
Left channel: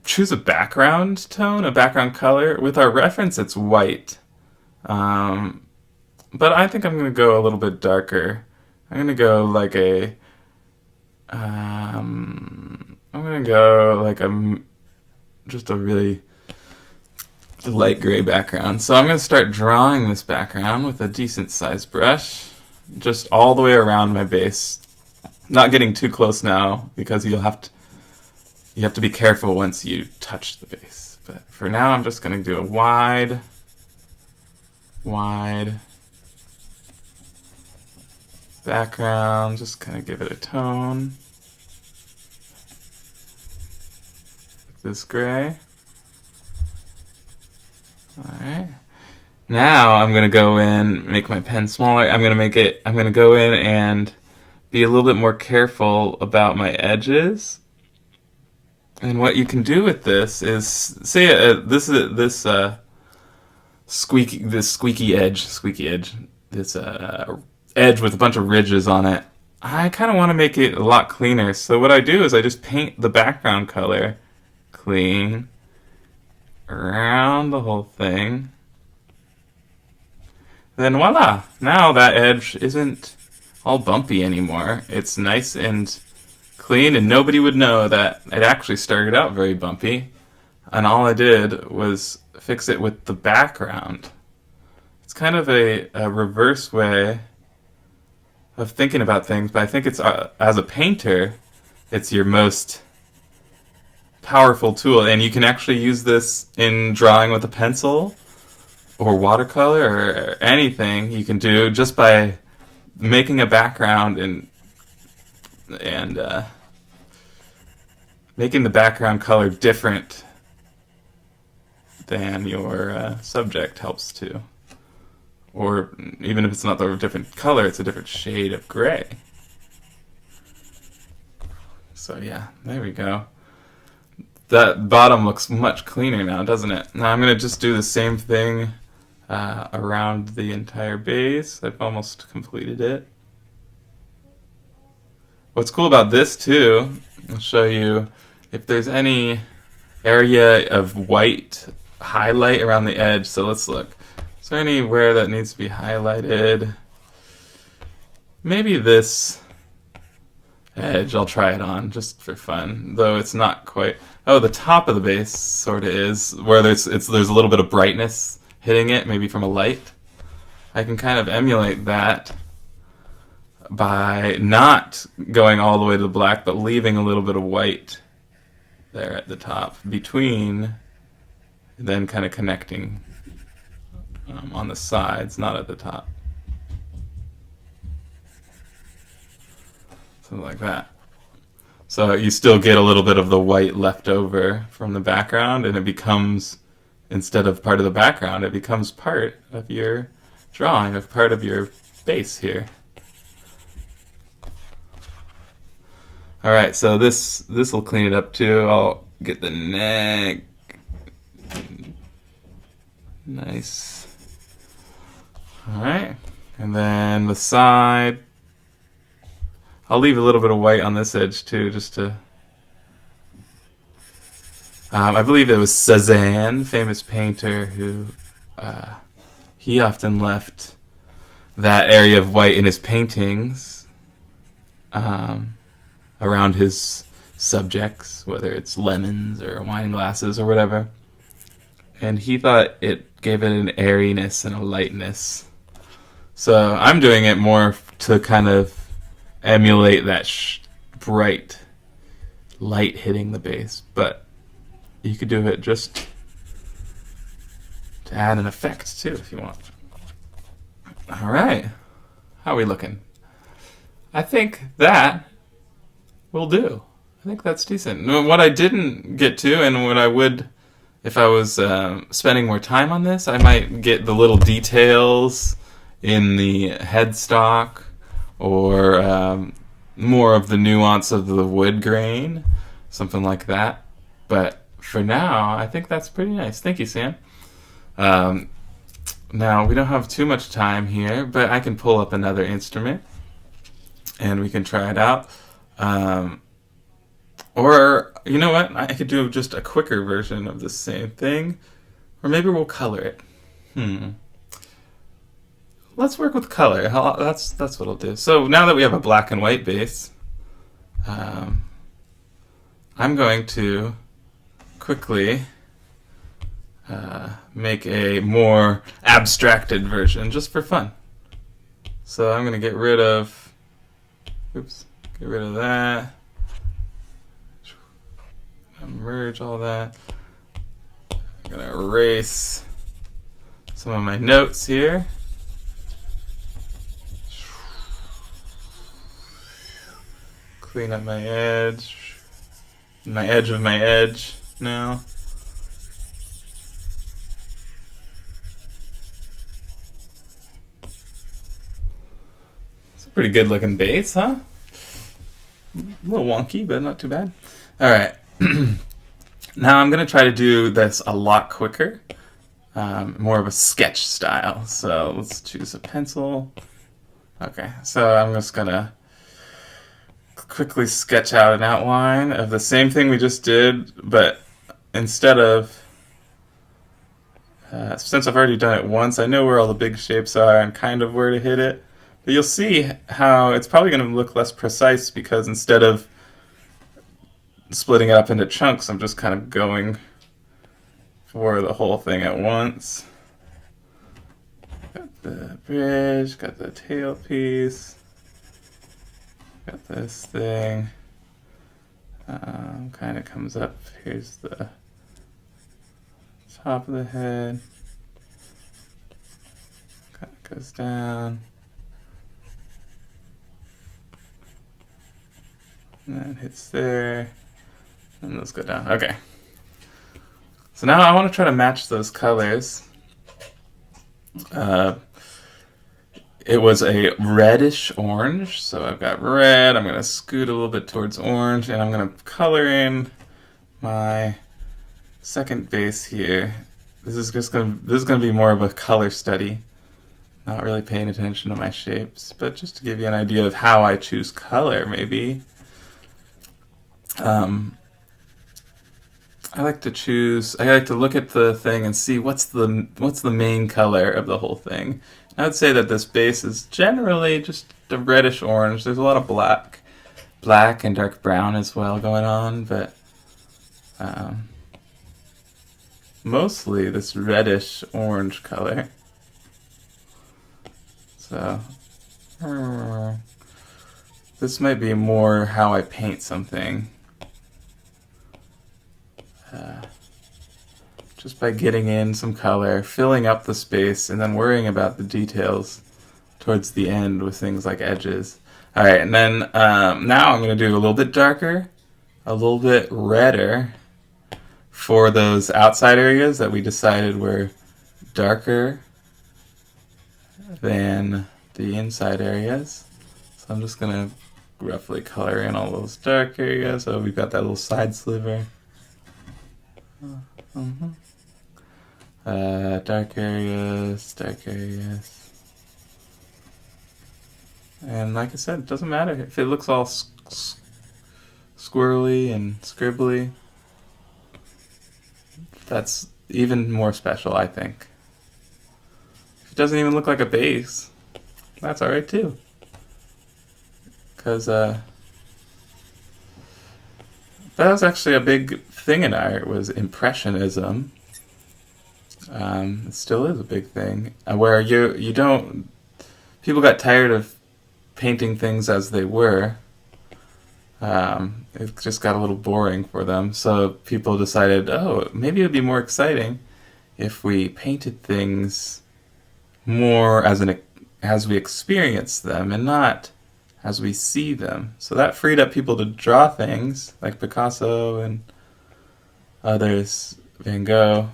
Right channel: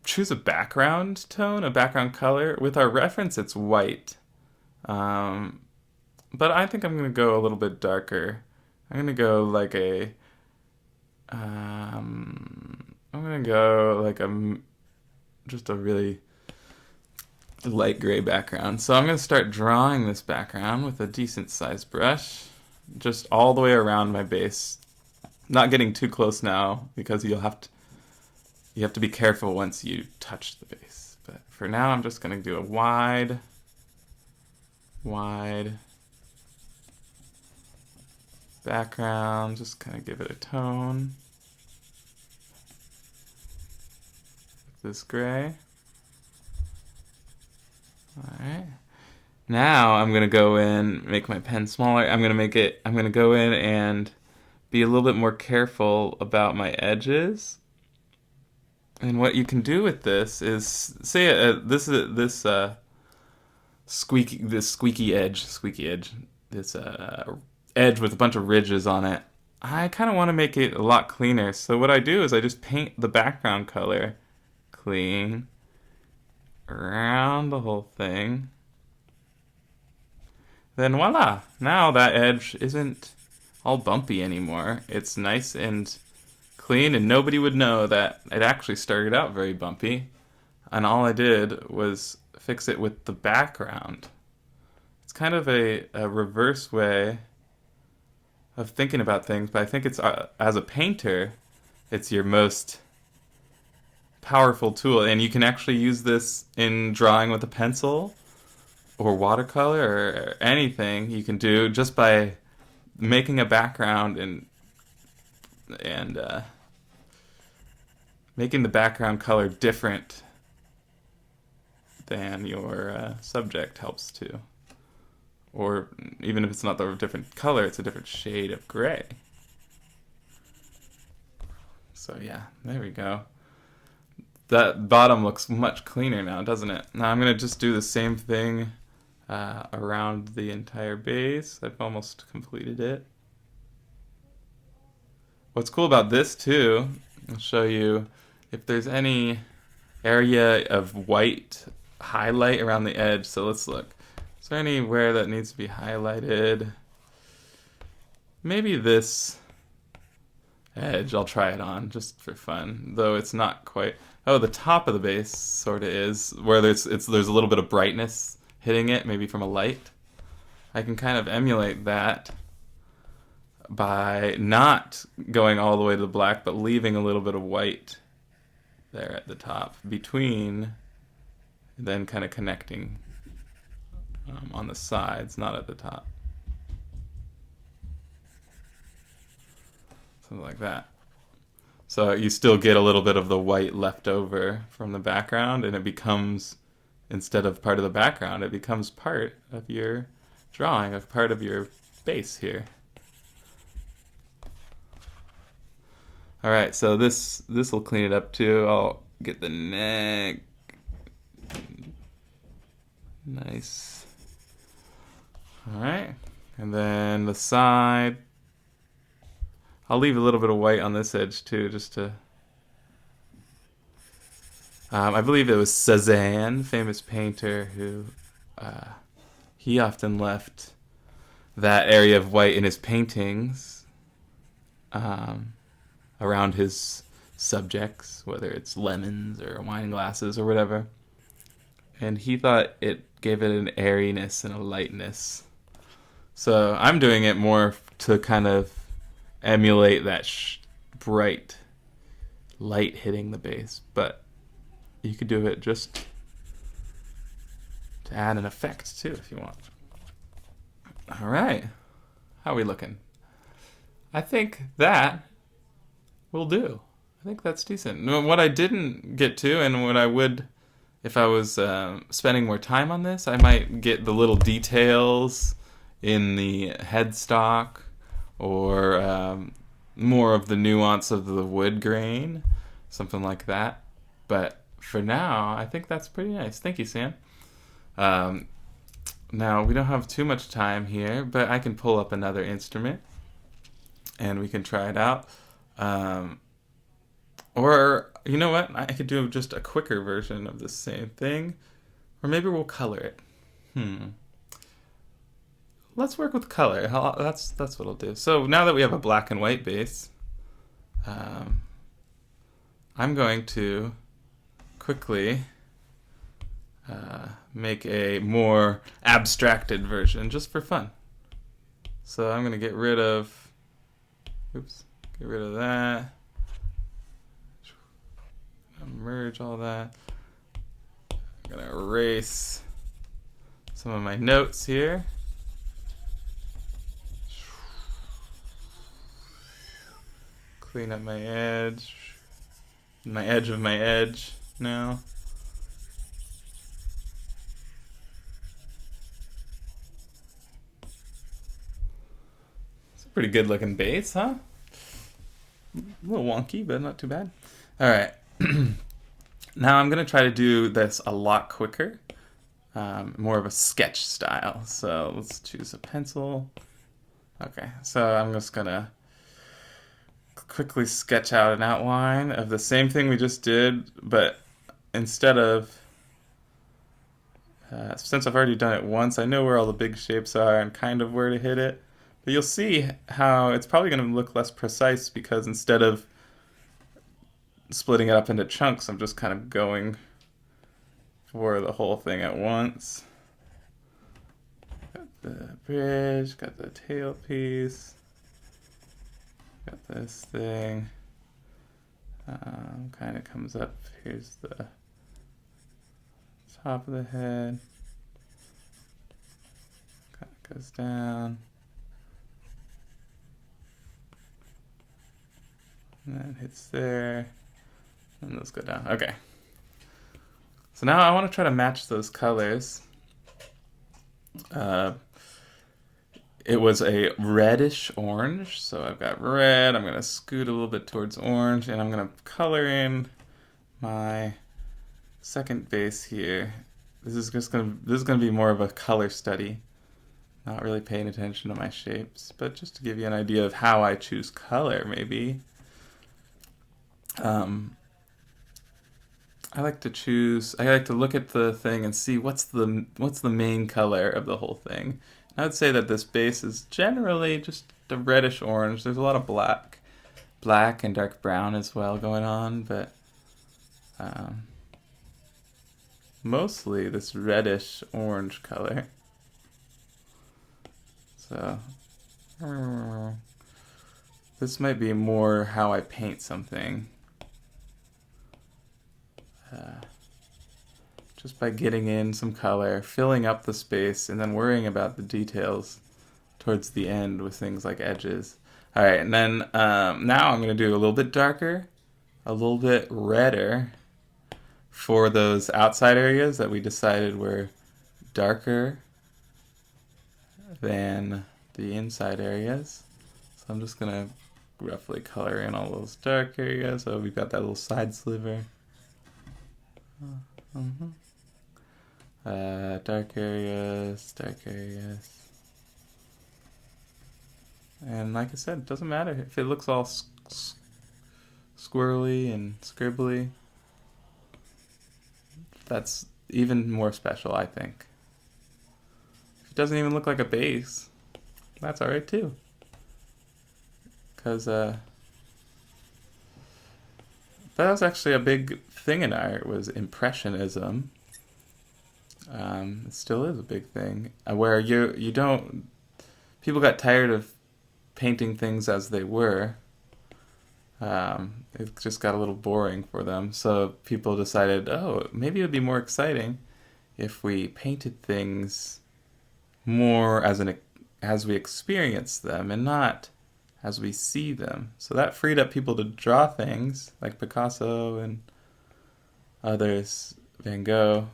choose a background tone, a background color. With our reference, it's white. But I think I'm going to go a little bit darker. I'm going to go like just a really light gray background. So I'm going to start drawing this background with a decent sized brush, just all the way around my base. Not getting too close now, because you have to be careful once you touch the base. But for now, I'm just going to do a wide background, just kind of give it a tone. This gray. Alright. Now I'm going to go in, make my pen smaller. I'm going to go in and be a little bit more careful about my edges. And what you can do with this is, say this squeaky edge, this edge with a bunch of ridges on it. I kind of want to make it a lot cleaner. So what I do is I just paint the background color clean around the whole thing. Then voila! Now that edge isn't all bumpy anymore. It's nice and clean, and nobody would know that it actually started out very bumpy. And all I did was fix it with the background. It's kind of a reverse way of thinking about things, but I think it's, as a painter, it's your most powerful tool, and you can actually use this in drawing with a pencil or watercolor or anything you can do just by making a background and making the background color different than your subject helps too. Or even if it's not the different color, it's a different shade of gray. So yeah, there we go. That bottom looks much cleaner now, doesn't it? Now I'm going to just do the same thing around the entire base. I've almost completed it. What's cool about this too, I'll show you if there's any area of white highlight around the edge. So let's look. Is there anywhere that needs to be highlighted? Maybe this edge, I'll try it on just for fun, though it's not quite. Oh, the top of the base sort of is, where there's a little bit of brightness hitting it, maybe from a light. I can kind of emulate that by not going all the way to the black, but leaving a little bit of white there at the top between, then kind of connecting on the sides, not at the top. Something like that. So you still get a little bit of the white left over from the background, and it becomes, instead of part of the background, it becomes part of your drawing, of part of your base here. Alright, so this will clean it up too. I'll get the neck. Nice. Alright, and then the side. I'll leave a little bit of white on this edge too, just to... I believe it was Cézanne, famous painter, who he often left that area of white in his paintings. around his subjects, whether it's lemons or wine glasses or whatever. And he thought it gave it an airiness and a lightness. So I'm doing it more to kind of emulate that bright light hitting the base, but you could do it just to add an effect too if you want. All right, how are we looking? I think that will do. I think that's decent. What I didn't get to, and what I would, if I was spending more time on this, I might get the little details in the headstock, or more of the nuance of the wood grain, something like that. But for now, I think that's pretty nice. Thank you, Sam. Now, we don't have too much time here, but I can pull up another instrument and we can try it out. Or, you know what? I could do just a quicker version of the same thing. Or maybe we'll color it. Let's work with color. That's what I'll do. So now that we have a black and white base, I'm going to quickly make a more abstracted version just for fun. So I'm going to get rid of that. Merge all that. I'm going to erase some of my notes here. Clean up my edge of my edge now. It's a pretty good looking base, huh? A little wonky, but not too bad. All right. Now I'm going to try to do this a lot quicker, more of a sketch style. So let's choose a pencil. Okay, so I'm just going to quickly sketch out an outline of the same thing we just did, but instead of, since I've already done it once, I know where all the big shapes are and kind of where to hit it. But you'll see how it's probably going to look less precise because instead of splitting it up into chunks, I'm just kind of going for the whole thing at once. Got the bridge, got the tailpiece, got this thing. Kind of comes up. Here's the top of the head. Kind of goes down. And then hits there. And those go down. Okay. So now I want to try to match those colors. It was a reddish orange, so I've got red. I'm going to scoot a little bit towards orange, and I'm going to color in my second base here. This is going to be more of a color study. Not really paying attention to my shapes, but just to give you an idea of how I choose color, maybe. I like to look at the thing and see what's the main color of the whole thing. I would say that this base is generally just a reddish orange. There's a lot of black and dark brown as well going on, but mostly this reddish orange color. So this might be more how I paint something. Just by getting in some color, filling up the space, and then worrying about the details towards the end with things like edges. Alright, and then now I'm going to do a little bit darker, a little bit redder for those outside areas that we decided were darker than the inside areas. So I'm just going to roughly color in all those dark areas. So we've got that little side sliver. Dark areas. And like I said, it doesn't matter if it looks all squirrely and scribbly. That's even more special, I think. If it doesn't even look like a base, that's alright too. Because that was actually a big thing in art, was Impressionism. It still is a big thing, where you don't, people got tired of painting things as they were. It just got a little boring for them, so people decided, oh, maybe it would be more exciting if we painted things more as we experience them and not as we see them. So that freed up people to draw things like Picasso and others, Van Gogh,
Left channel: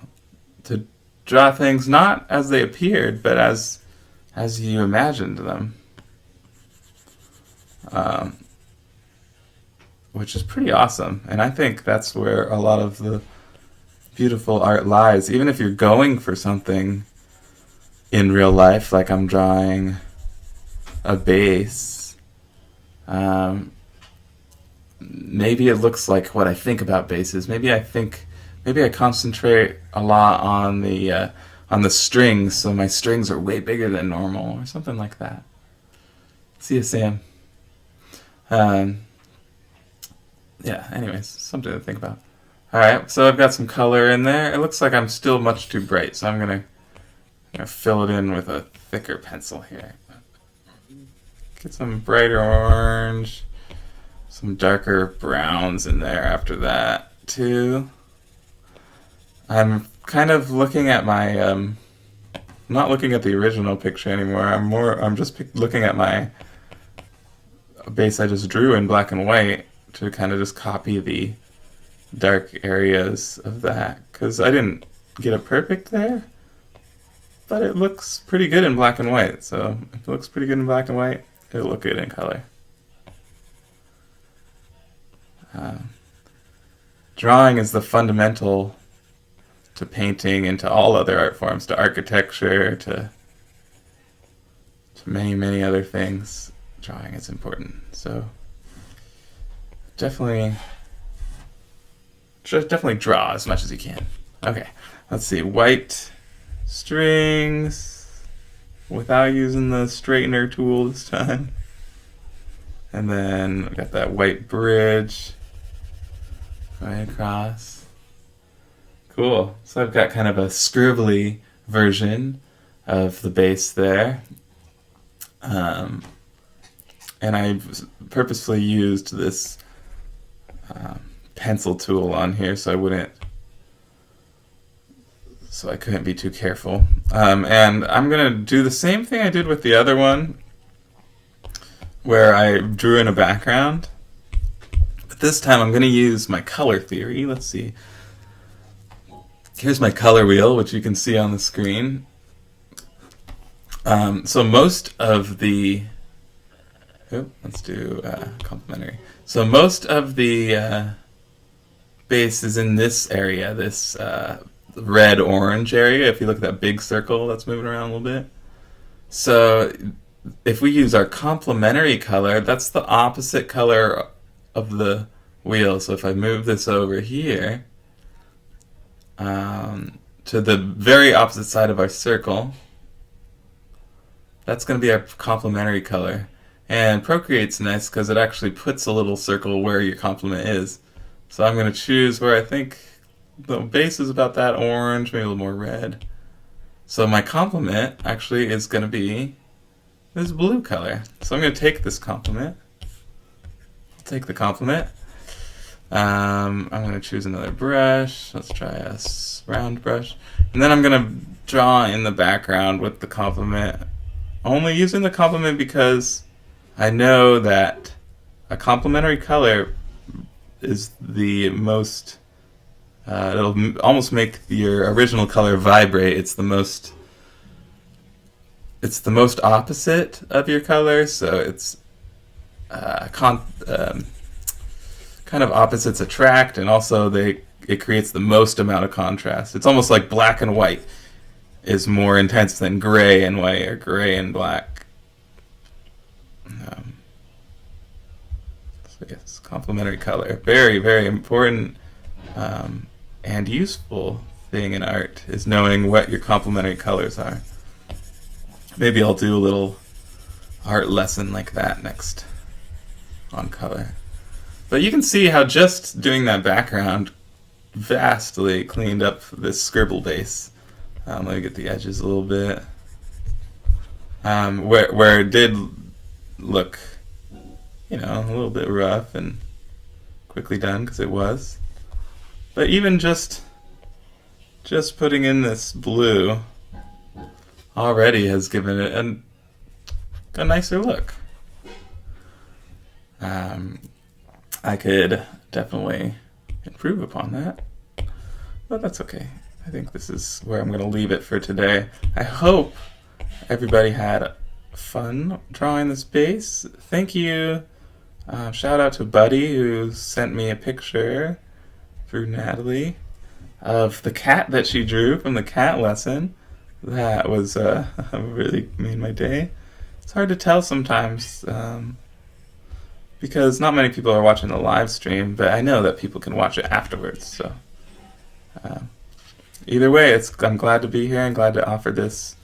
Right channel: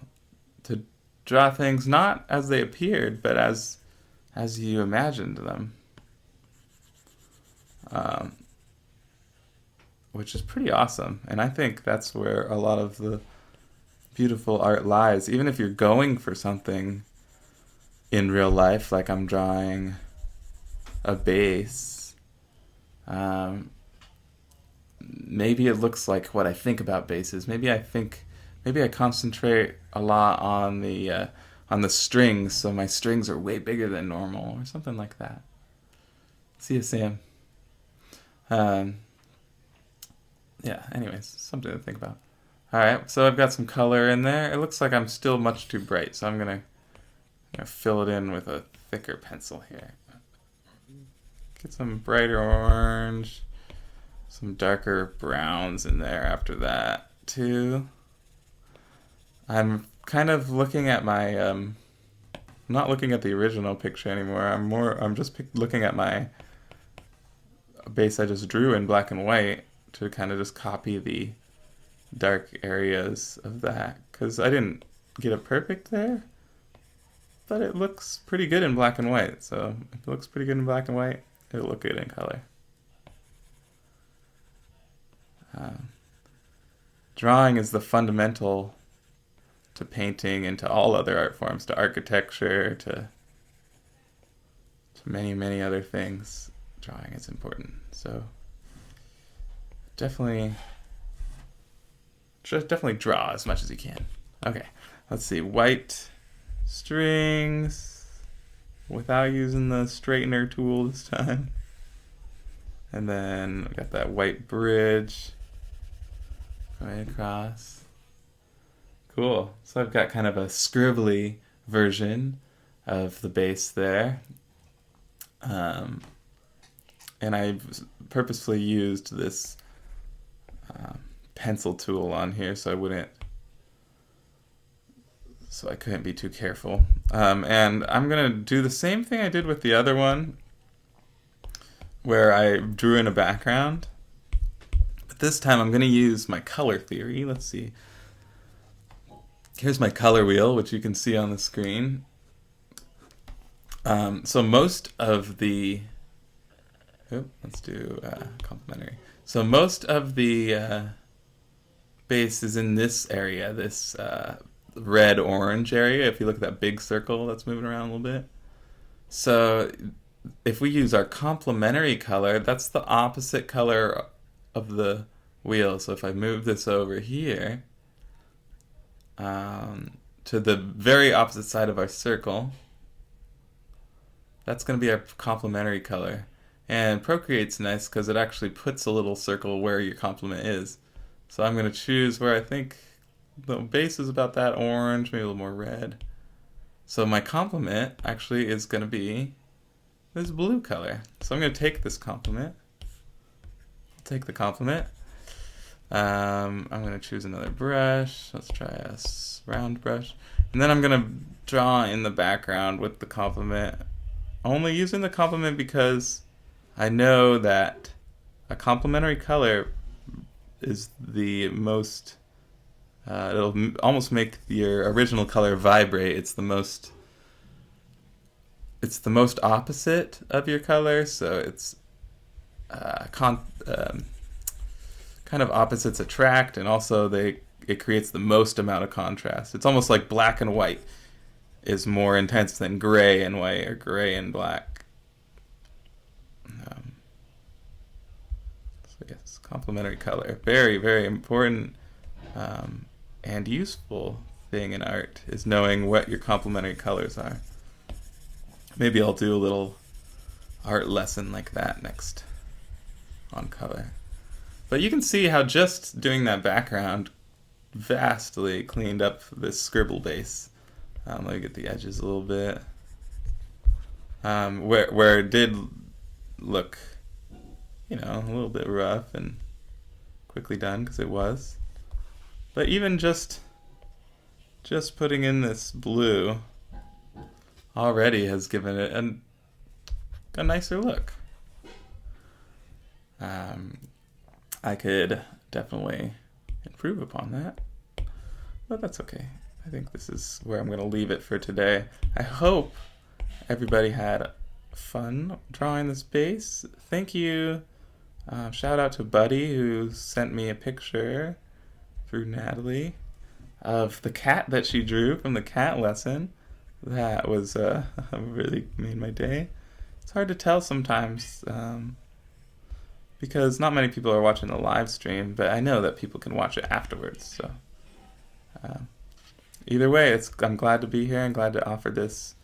to draw things not as they appeared, but as you imagined them. Which is pretty awesome. And I think that's where a lot of the beautiful art lies. Even if you're going for something in real life, like I'm drawing a base, maybe it looks like what I think about bases. Maybe I concentrate a lot on the strings, so my strings are way bigger than normal, or something like that. See you, Sam. Yeah, anyways, something to think about. Alright, so I've got some color in there. It looks like I'm still much too bright, so I'm gonna fill it in with a thicker pencil here. Get some brighter orange, some darker browns in there after that, too. I'm kind of looking at my, not looking at the original picture anymore. I'm just looking at my base I just drew in black and white, to kind of just copy the dark areas of that, because I didn't get it perfect there, but it looks pretty good in black and white. So if it looks pretty good in black and white, it'll look good in color. Drawing is the fundamental to painting and to all other art forms, to architecture, to many, many other things. Drawing is important. So definitely draw as much as you can. Okay, let's see. White strings without using the straightener tool this time. And then we got that white bridge right across. Cool. So I've got kind of a scribbly version of the base there. And I purposefully used this pencil tool on here so I couldn't be too careful. And I'm gonna do the same thing I did with the other one, where I drew in a background, but this time I'm gonna use my color theory. Let's see. Here's my color wheel, which you can see on the screen. So most of the let's do complementary. So most of the base is in this area, this red-orange area. If you look at that big circle that's moving around a little bit. So if we use our complementary color, that's the opposite color of the wheel. So if I move this over here to the very opposite side of our circle, that's going to be our complementary color. And Procreate's nice because it actually puts a little circle where your complement is. So I'm going to choose where I think the base is about that orange, maybe a little more red. So my complement actually is going to be this blue color. So I'm going to take this complement. Take the complement. I'm going to choose another brush. Let's try a round brush. And then I'm going to draw in the background with the complement. Only using the complement because I know that a complementary color is the most, it'll almost make your original color vibrate. It's the most opposite of your color, so it's kind of opposites attract, and also it creates the most amount of contrast. It's almost like black and white is more intense than gray and white or gray and black. So yes, complementary color. Very, very important and useful thing in art is knowing what your complementary colors are. Maybe I'll do a little art lesson like that next on color. But you can see how just doing that background vastly cleaned up this scribble base. Let me get the edges a little bit. Where it did look, a little bit rough and quickly done, because it was. But even just putting in this blue already has given it a nicer look. I could definitely improve upon that, but that's okay. I think this is where I'm going to leave it for today. I hope everybody had fun drawing this base. Thank you. Shout out to Buddy, who sent me a picture through Natalie of the cat that she drew from the cat lesson. That was really made my day. It's hard to tell sometimes, because not many people are watching the live stream, but I know that people can watch it afterwards. So either way, I'm glad to be here and glad to offer this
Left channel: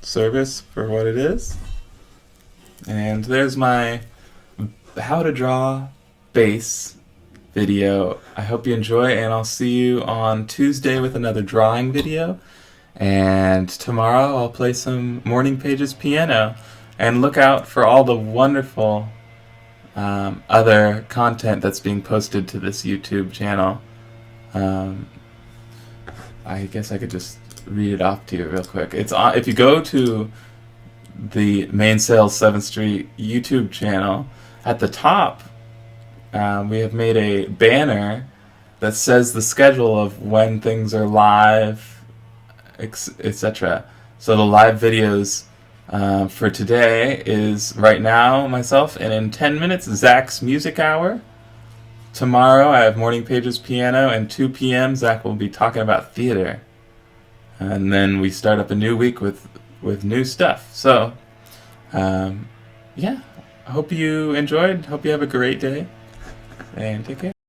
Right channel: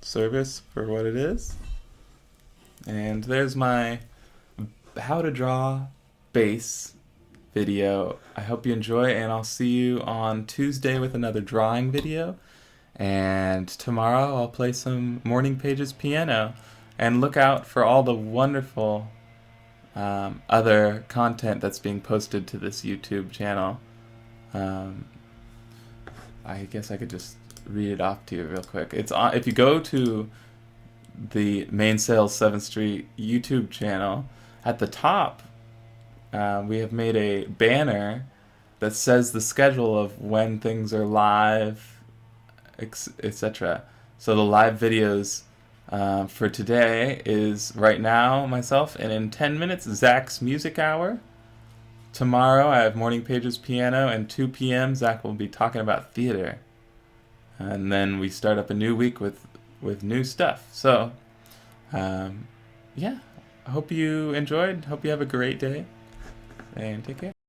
service for what it is. And there's my how to draw base video. I hope you enjoy, and I'll see you on Tuesday with another drawing video. And tomorrow I'll play some Morning Pages piano. And look out for all the wonderful other content that's being posted to this YouTube channel. I guess I could just read it off to you real quick. It's on, if you go to the Mains'l 7th Street YouTube channel, at the top we have made a banner that says the schedule of when things are live, etc. So the live videos for today is right now myself, and in 10 minutes Zach's Music Hour. Tomorrow I have Morning Pages piano, and 2 p.m. Zach will be talking about theater. And then we start up a new week with new stuff. So, yeah, I hope you enjoyed. Hope you have a great day, and take care.